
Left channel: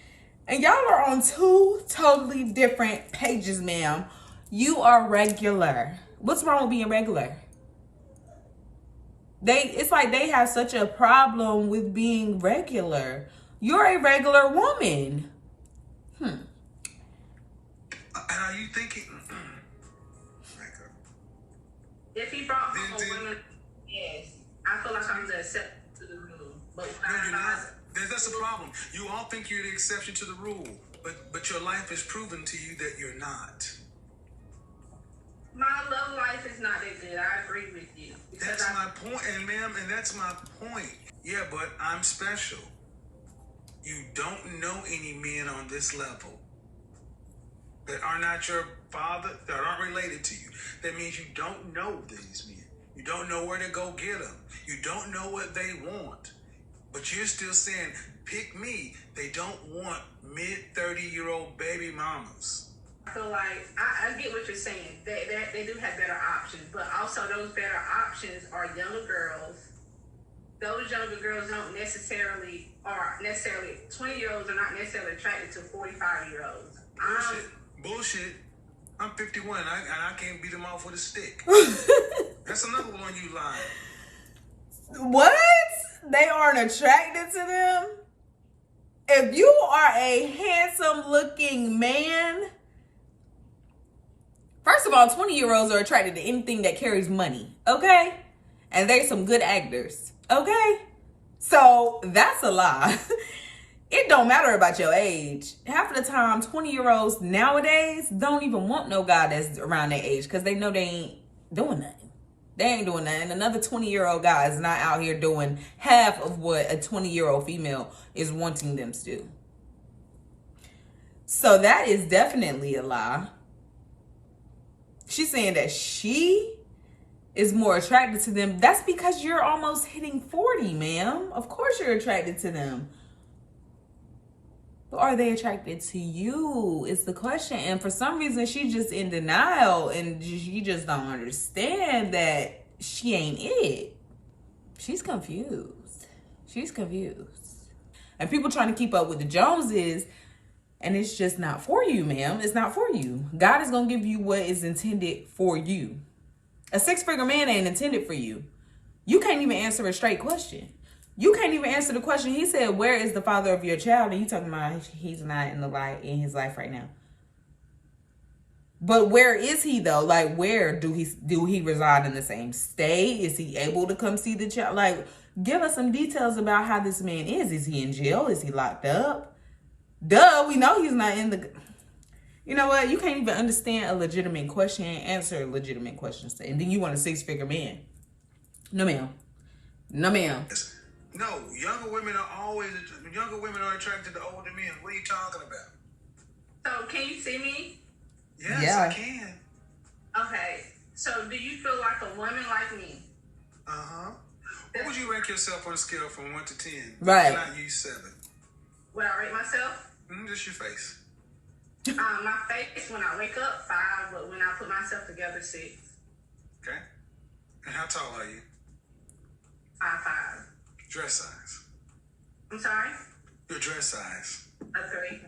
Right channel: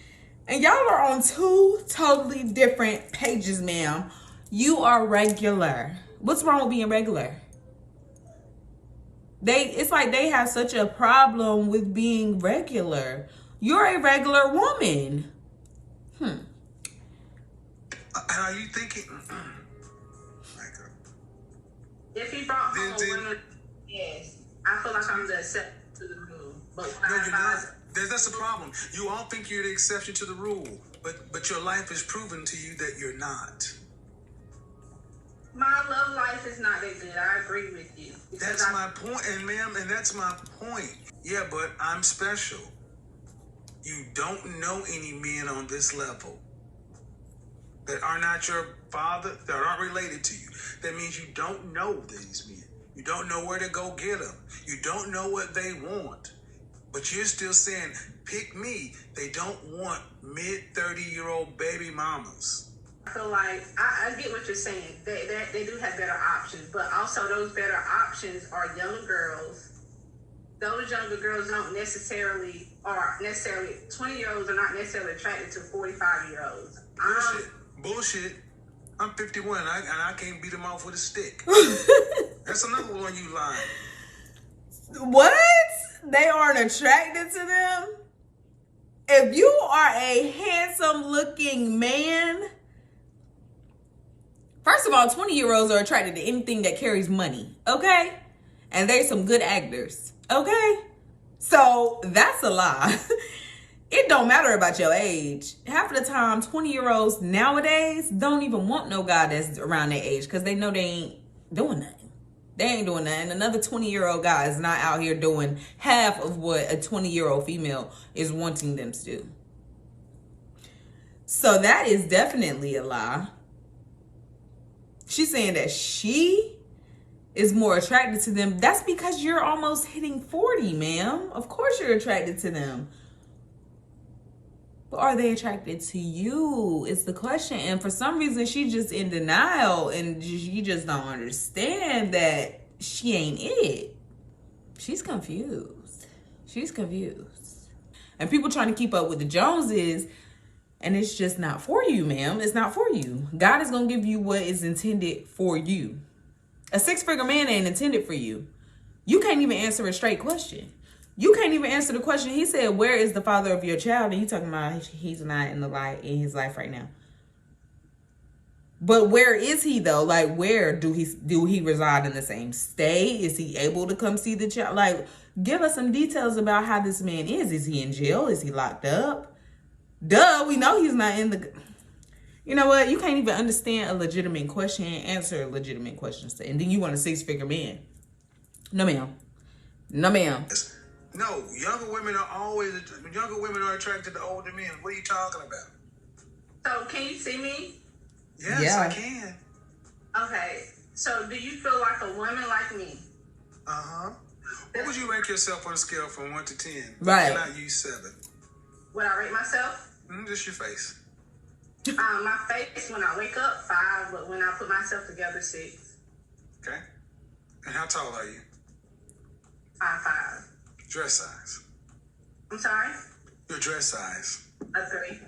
and y'all are on two totally different pages, ma'am. You are regular. What's wrong with being regular? It's like they have such a problem with being regular. You're a regular woman. Are you thinking? If he brought home a woman, yes, I feel like I'm the exception to the rule. But No, you're not. That's the problem. You all think you're the exception to the rule, but your life has proven to you that you're not. My love life is not that good. I agree with you. That's my point, and ma'am, and that's my point. Yeah, but I'm special. You don't know any men on this level that are not your father, that aren't related to you. That means you don't know these men. You don't know where to go get them. You don't know what they want. But you're still saying, pick me. They don't want mid-30-year-old baby mamas. I feel like I get what you're saying. They do have better options, but also those better options are younger girls. Those younger girls don't necessarily 20-year-olds are not necessarily attracted to 45-year-olds. Bullshit. I'm 51 and I can't beat them off with a stick. That's another one you lying. What? They aren't attracted to them? If you are a handsome looking man, first of all, 20-year-olds are attracted to anything that carries money, okay? And there's some good actors, okay? So that's a lie. It don't matter about your age. Half of the time, 20-year-olds nowadays don't even want no guy that's around their age because they know they ain't doing nothing. They ain't doing nothing. Another 20-year-old guy is not out here doing half of what a 20-year-old female is wanting them to do. So that is definitely a lie. She's saying that she is more attracted to them. That's because you're almost hitting 40, ma'am. Of course you're attracted to them. But are they attracted to you? Is the question. And for some reason, she's just in denial. And you just don't understand that she ain't it. She's confused. She's confused. And people trying to keep up with the Joneses. And it's just not for you, ma'am. It's not for you. God is going to give you what is intended for you. A 6-figure man ain't intended for you. You can't even answer a straight question. You can't even answer the question. He said, "Where is the father of your child?" And he talking about he's not in his life right now. But where is he though? Like, where do he reside in the same state? Is he able to come see the child? Like, give us some details about how this man is. Is he in jail? Is he locked up? Duh, we know he's not in the... You know what? You can't even understand a legitimate question and answer legitimate questions. And then you want a 6-figure man. No, ma'am. No, ma'am. No, younger women are attracted to older men. What are you talking about? So, can you see me? Yes, Yeah. I can. Okay. So, do you feel like a woman like me? Uh-huh. What would you rank yourself on a scale from 1 to 10? Right. Cannot use 7. Would I rate myself? Just your face. My face, when I wake up, 5, but when I put myself together, 6. Okay. And how tall are you? 5'5". Dress size. I'm sorry? Your dress size. A 3.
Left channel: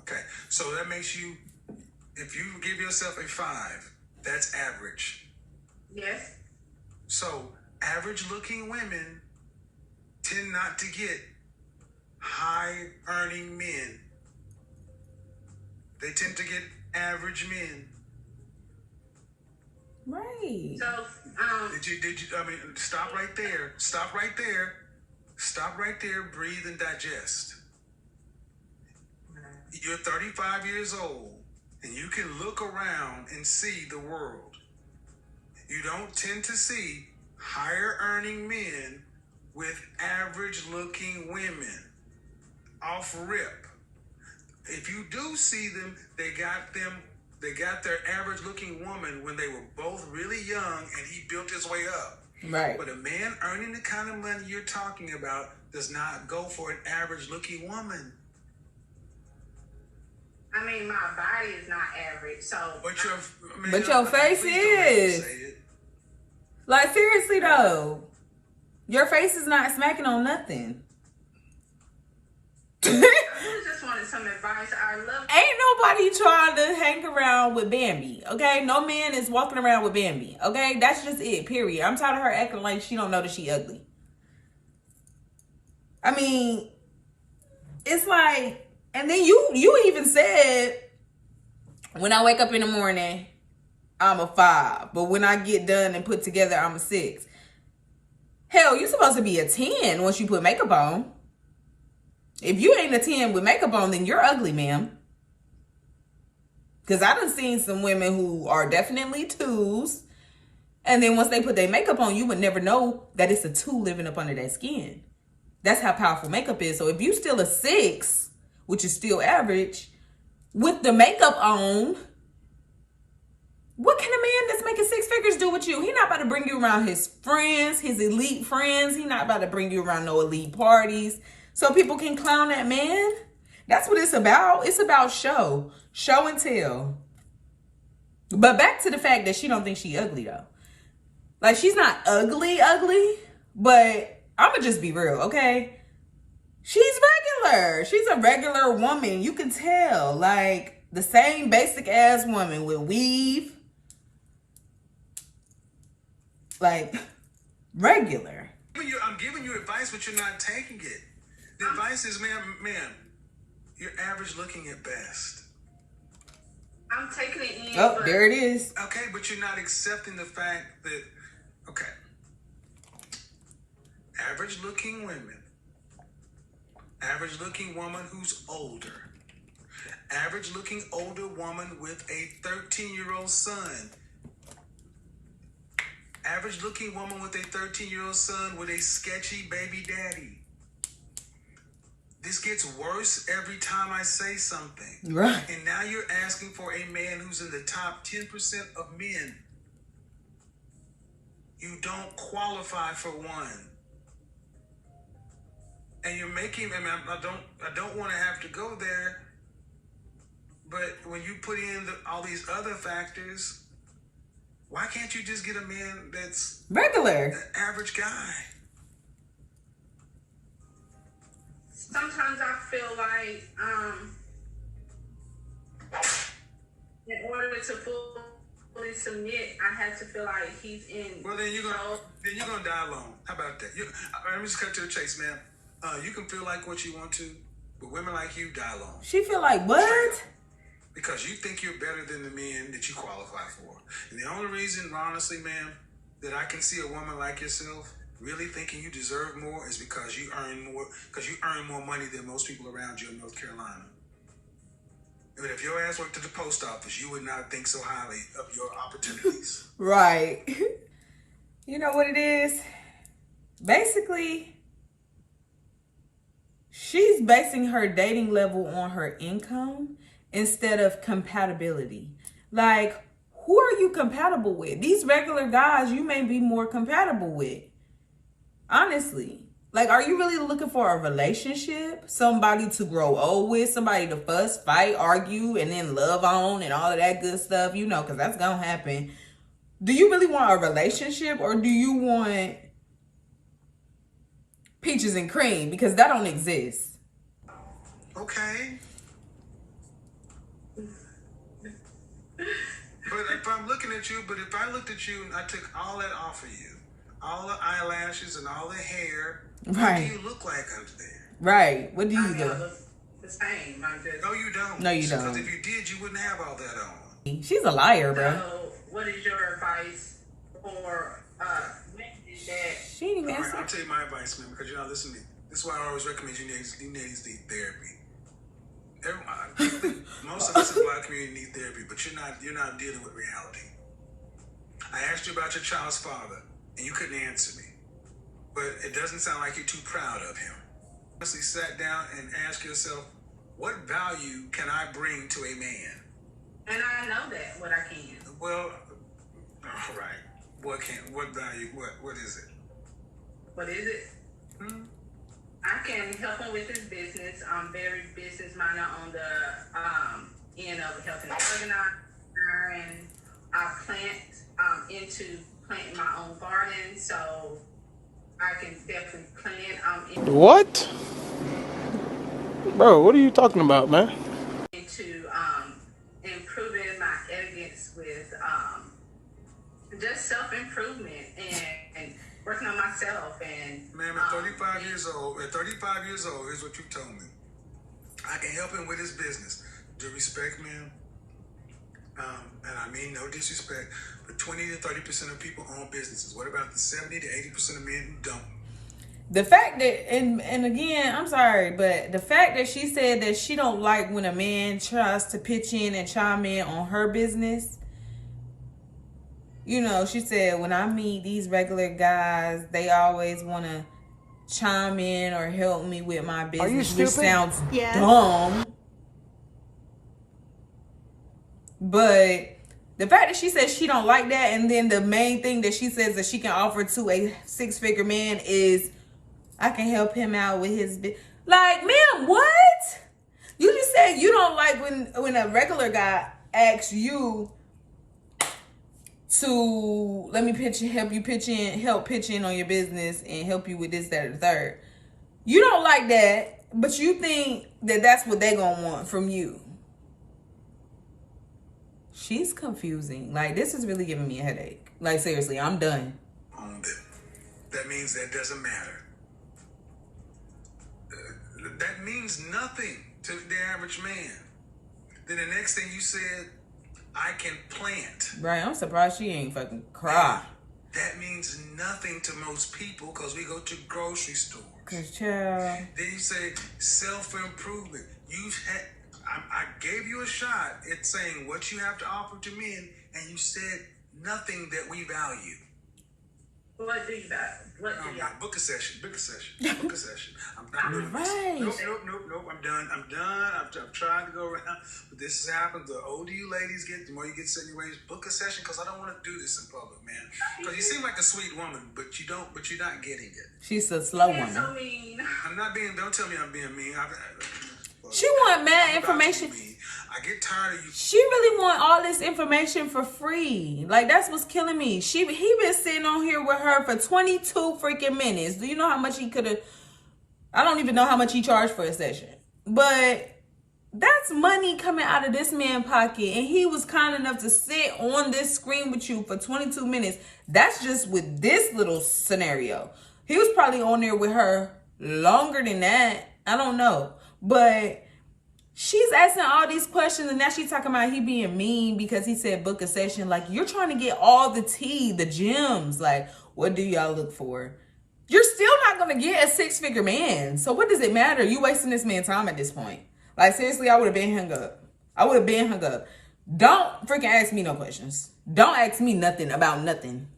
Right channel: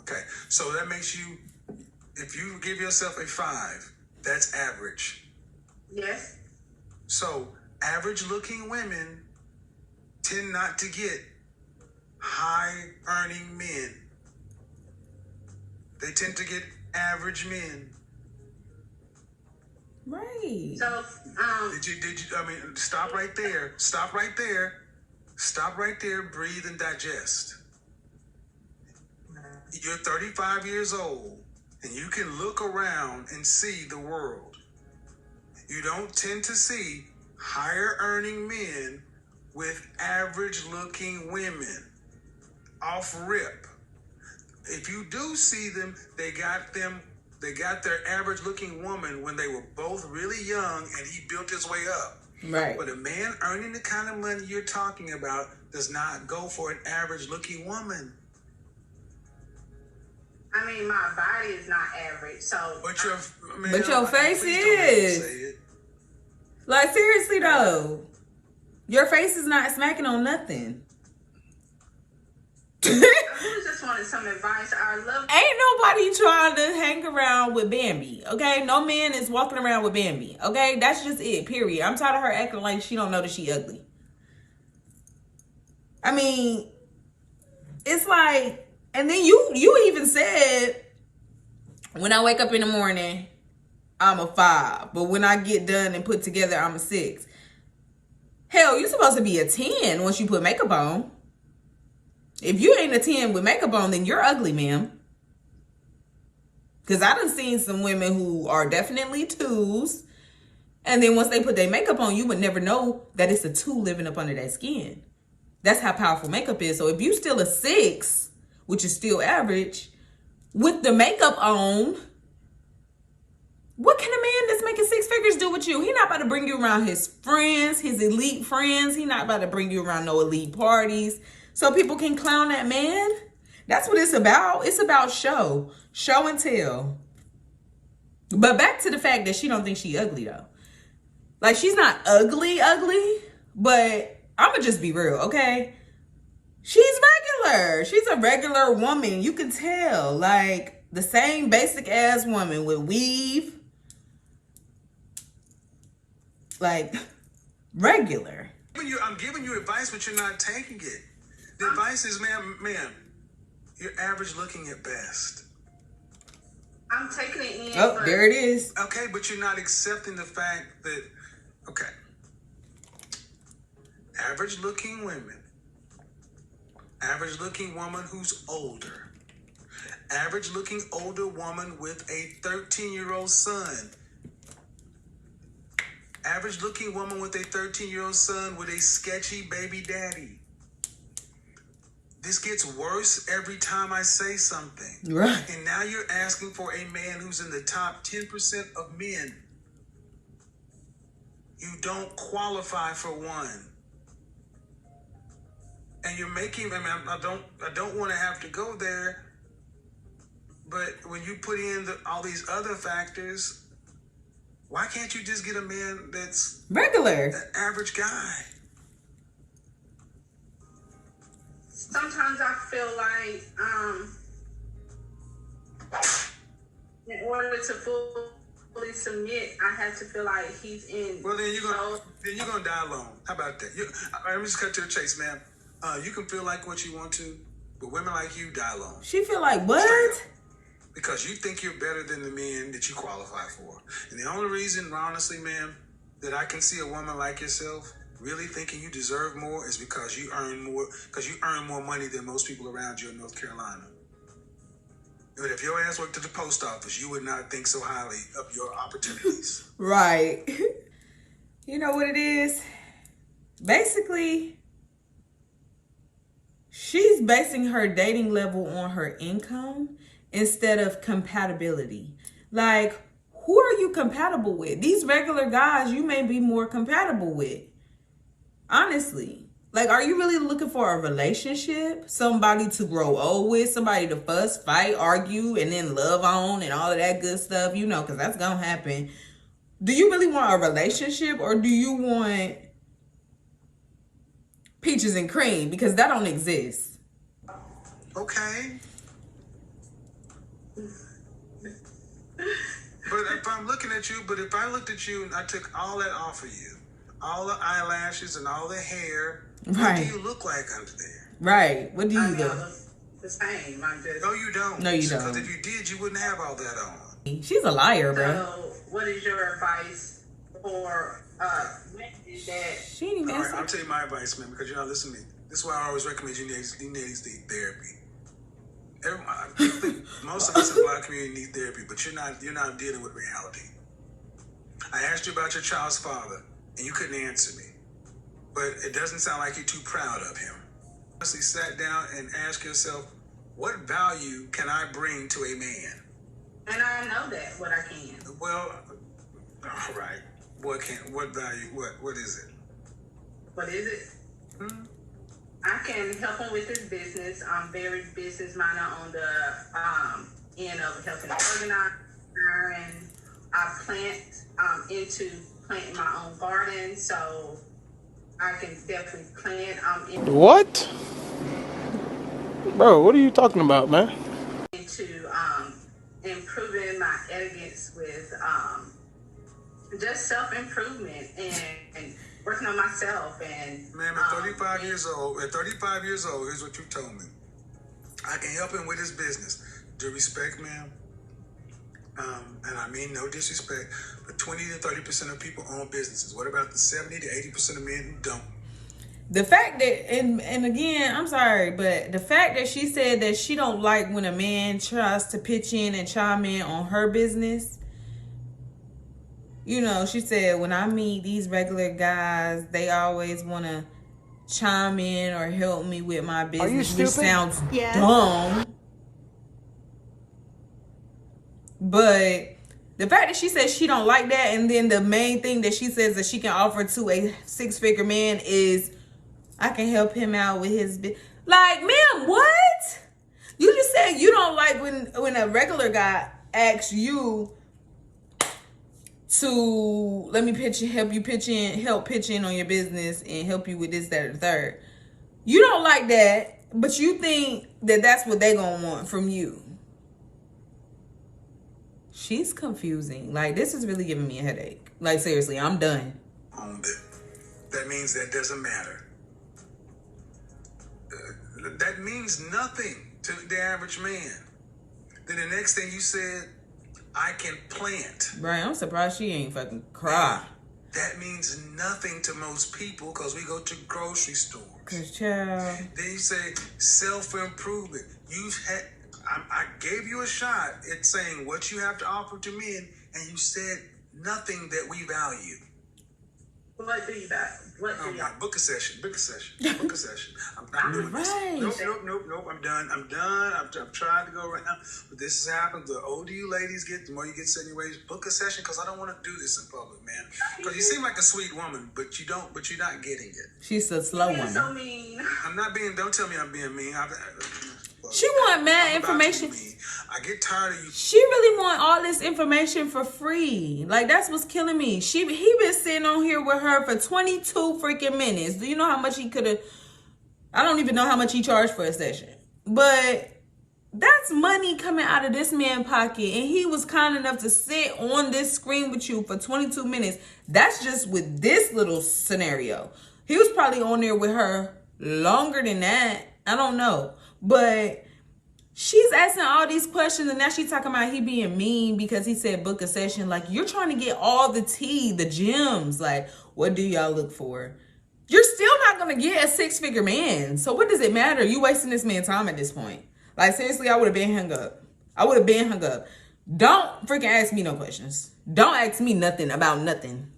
Okay. So that makes you, if you give yourself a 5, that's average. Yes. So average looking women tend not to get high earning men. They tend to get average men. Right. So, Stop right there. Stop right there. Stop right there. Breathe and digest. You're 35 years old and you can look around and see the world. You don't tend to see higher earning men with average looking women. Off rip. If you do see them, they got their average looking woman when they were both really young and he built his way up. Right. But a man earning the kind of money you're talking about does not go for an average looking woman. I mean, my body is not average, so... But your face is. Like, seriously though. Your face is not smacking on nothing. I just wanted some advice. I love... Ain't nobody trying to hang around with Bambi, okay? No man is walking around with Bambi, okay? That's just it, period. I'm tired of her acting like she don't know that she ugly. I mean, it's like... And then you even said, when I wake up in the morning, I'm a 5. But when I get done and put together, I'm a 6. Hell, you're supposed to be a 10 once you put makeup on. If you ain't a 10 with makeup on, then you're ugly, ma'am. Because I done seen some women who are definitely 2s. And then once they put their makeup on, you would never know that it's a 2 living up under their skin. That's how powerful makeup is. So if you still a 6, which is still average, with the makeup on, what can a man that's making 6 figures do with you? He not about to bring you around his friends, his elite friends. He not about to bring you around no elite parties so people can clown that man. That's what it's about. It's about show and tell. But back to the fact that she don't think she ugly though. Like, she's not ugly, but I'ma just be real, okay? She's regular. She's a regular woman. You can tell. Like, the same basic ass woman with weave. Like, regular. I'm giving you advice, but you're not taking it. The advice is, ma'am, you're average looking at best. I'm taking it in. Oh, there it is. Okay, but you're not accepting the fact that, okay, average looking women. Average looking woman who's older. Average looking older woman with a 13-year-old son. Average looking woman with a 13-year-old son with a sketchy baby daddy. This gets worse every time I say something. Right. And now you're asking for a man who's in the top 10% of men. You don't qualify for one. And you're making, I don't want to have to go there, but when you put in all these other factors, why can't you just get a man that's regular, an average guy? Sometimes I feel like, in order to fully fully submit, I have to feel like he's in. Well, then you're gonna die alone. How about that? Let me just cut to the chase, man. You can feel like what you want to, but women like you die alone. She feel like what? Because you think you're better than the men that you qualify for. And the only reason, honestly, man, that I can see a woman like yourself really thinking you deserve more is because you earn more money than most people around you in North Carolina. But if your ass worked at the post office, you would not think so highly of your opportunities. Right. You know what it is? Basically, she's basing her dating level on her income instead of compatibility. Like, who are you compatible with? These regular guys you may be more compatible with. Honestly. Like, are you really looking for a relationship? Somebody to grow old with? Somebody to fuss, fight, argue, and then love on and all of that good stuff? You know, because that's going to happen. Do you really want a relationship, or do you want peaches and cream? Because that don't exist. Okay. But if I'm looking at you, if I looked at you and I took all that off of you, all the eyelashes and all the hair, right. What do you look like under there? Right. What do you look? The same. No, you don't. No, you don't. Because if you did, you wouldn't have all that on. She's a liar, bro. So, what is your advice for that? She ain't even answer. I'll tell you my advice, man, because listen to me. This is why I always recommend you need therapy. Most of us in the black community need therapy, but you're not dealing with reality. I asked you about your child's father, and you couldn't answer me. But it doesn't sound like you're too proud of him. Honestly, sat down and ask yourself, what value can I bring to a man? And I know that, what I can. Well, all right. What value? What is it? What is it? I can help him with his business. I'm very business-minded on the end of helping organize, and I plant into planting my own garden, so I can definitely plant. What? Bro, what are you talking about, man? Into improving my elegance with just self-improvement and working on myself. And man, at 35 years old, here's what you told me. I can help him with his business. Due respect, man. And I mean no disrespect, but 20 to 30% of people own businesses. What about the 70 to 80% of men who don't? The fact that, and again, I'm sorry, but the fact that she said that she don't like when a man tries to pitch in and chime in on her business. You know, she said, when I meet these regular guys, they always want to chime in or help me with my business. Are you stupid? Which sounds dumb. But the fact that she says she don't like that, and then the main thing that she says that she can offer to a six-figure man is, I can help him out with his business. Like, ma'am, what? You just said you don't like when a regular guy asks you to help pitch in on your business and help you with this, that, or the third. You don't like that, but you think that that's what they gonna want from you. She's confusing. Like, this is really giving me a headache. Like, seriously, I'm done. That means that doesn't matter. That means nothing to the average man. Then the next thing you said, I can plant. Right, I'm surprised she ain't fucking cry. That means nothing to most people because we go to grocery stores. Cause child. Then you say self-improvement. I gave you a shot at saying what you have to offer to men, and you said nothing that we value. What do you value? What do you book a session. Book a session. I'm not doing this. Nope. I'm done. I've tried to go around, but this has happened. The older you ladies get, the more you get set in your ways. Book a session because I don't want to do this in public, man. Because you seem like a sweet woman, but you're not getting it. She's a slow woman. So mean. I'm not being. Don't tell me I'm being mean. She want mad information. I get tired of you. She really want all this information for free. Like, that's what's killing me. He been sitting on here with her for 22 freaking minutes. Do you know how much he could have? I don't even know how much he charged for a session. But That's money coming out of this man's pocket. And he was kind enough to sit on this screen with you for 22 minutes. That's just with this little scenario. He was probably on there with her longer than that. I don't know. But she's asking all these questions, and now she's talking about he being mean because he said book a session. Like, you're trying to get all the tea, the gems. Like, what do y'all look for? You're still not going to get a 6-figure man. So what does it matter? You wasting this man's time at this point. Like, seriously, I would have been hung up. I would have been hung up. Don't freaking ask me no questions. Don't ask me nothing about nothing.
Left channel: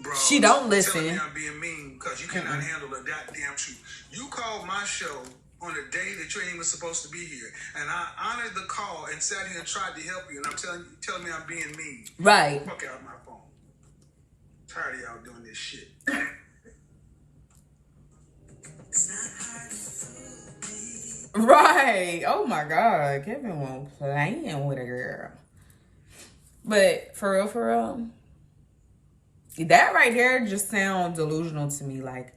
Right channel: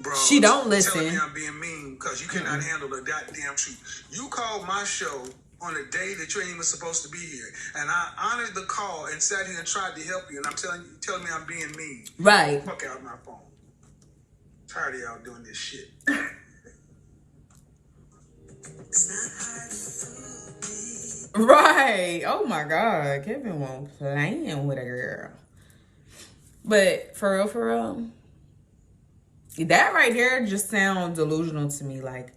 Bro, she don't listen. Telling me I'm being mean because you cannot handle a goddamn shoot. You called my show on a day that you ain't even supposed to be here, and I honored the call and sat here and tried to help you, and I'm telling me I'm being mean. Right. Fuck out my phone. Tired of y'all doing this shit. Right. Oh my God. Kevin won't playing with a girl. But for real, that right there just sounds delusional to me. Like,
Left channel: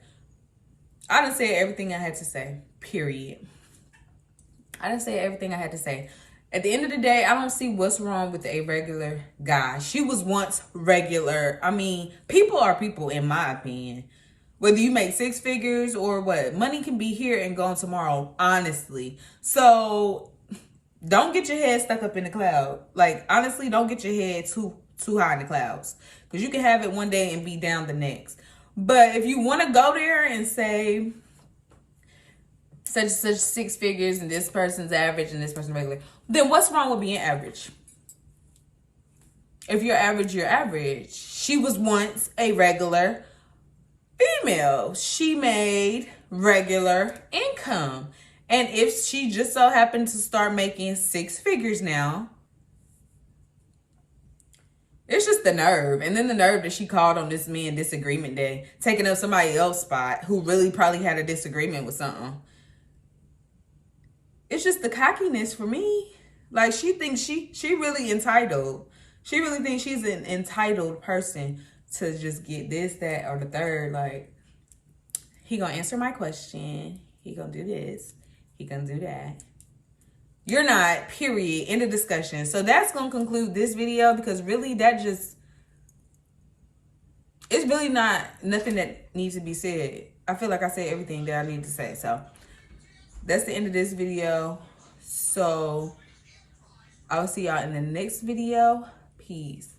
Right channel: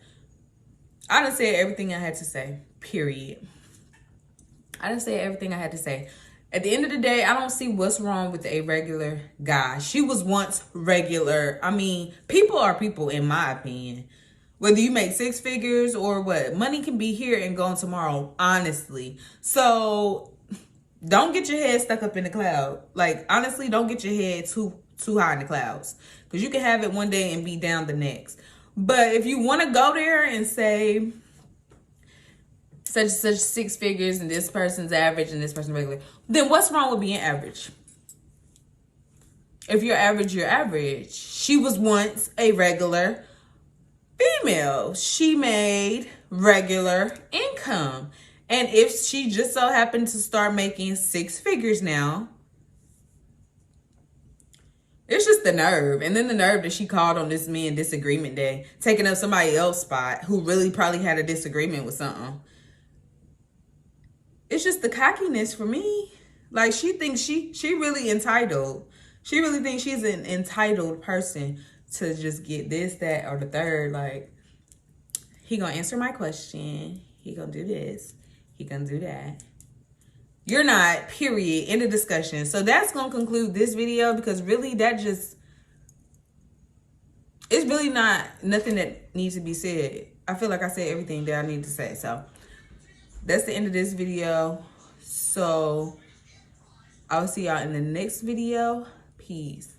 I done said everything I had to say. Period. I done said everything I had to say. At the end of the day, I don't see what's wrong with a regular guy. She was once regular. I mean, people are people, in my opinion. Whether you make 6 figures or what, money can be here and gone tomorrow, honestly. So don't get your head stuck up in the cloud. Like, honestly, don't get your head too high in the clouds, because you can have it one day and be down the next. But if you want to go there and say such and such 6 figures and this person's average and this person's regular, then what's wrong with being average? If you're average, you're average. She was once a regular female. She made regular income. And if she just so happened to start making 6 figures now, it's just the nerve. And then the nerve that she called on this man disagreement day, taking up somebody else's spot who really probably had a disagreement with something. It's just the cockiness for me. Like, she thinks she really entitled. She really thinks she's an entitled person to just get this, that, or the third. Like, he gonna answer my question. He gonna do this. He gonna do that. You're not, period. End of discussion. So that's gonna conclude this video, because really it's really not nothing that needs to be said. I feel like I said everything that I need to say. So that's the end of this video. So I will see y'all in the next video. Peace.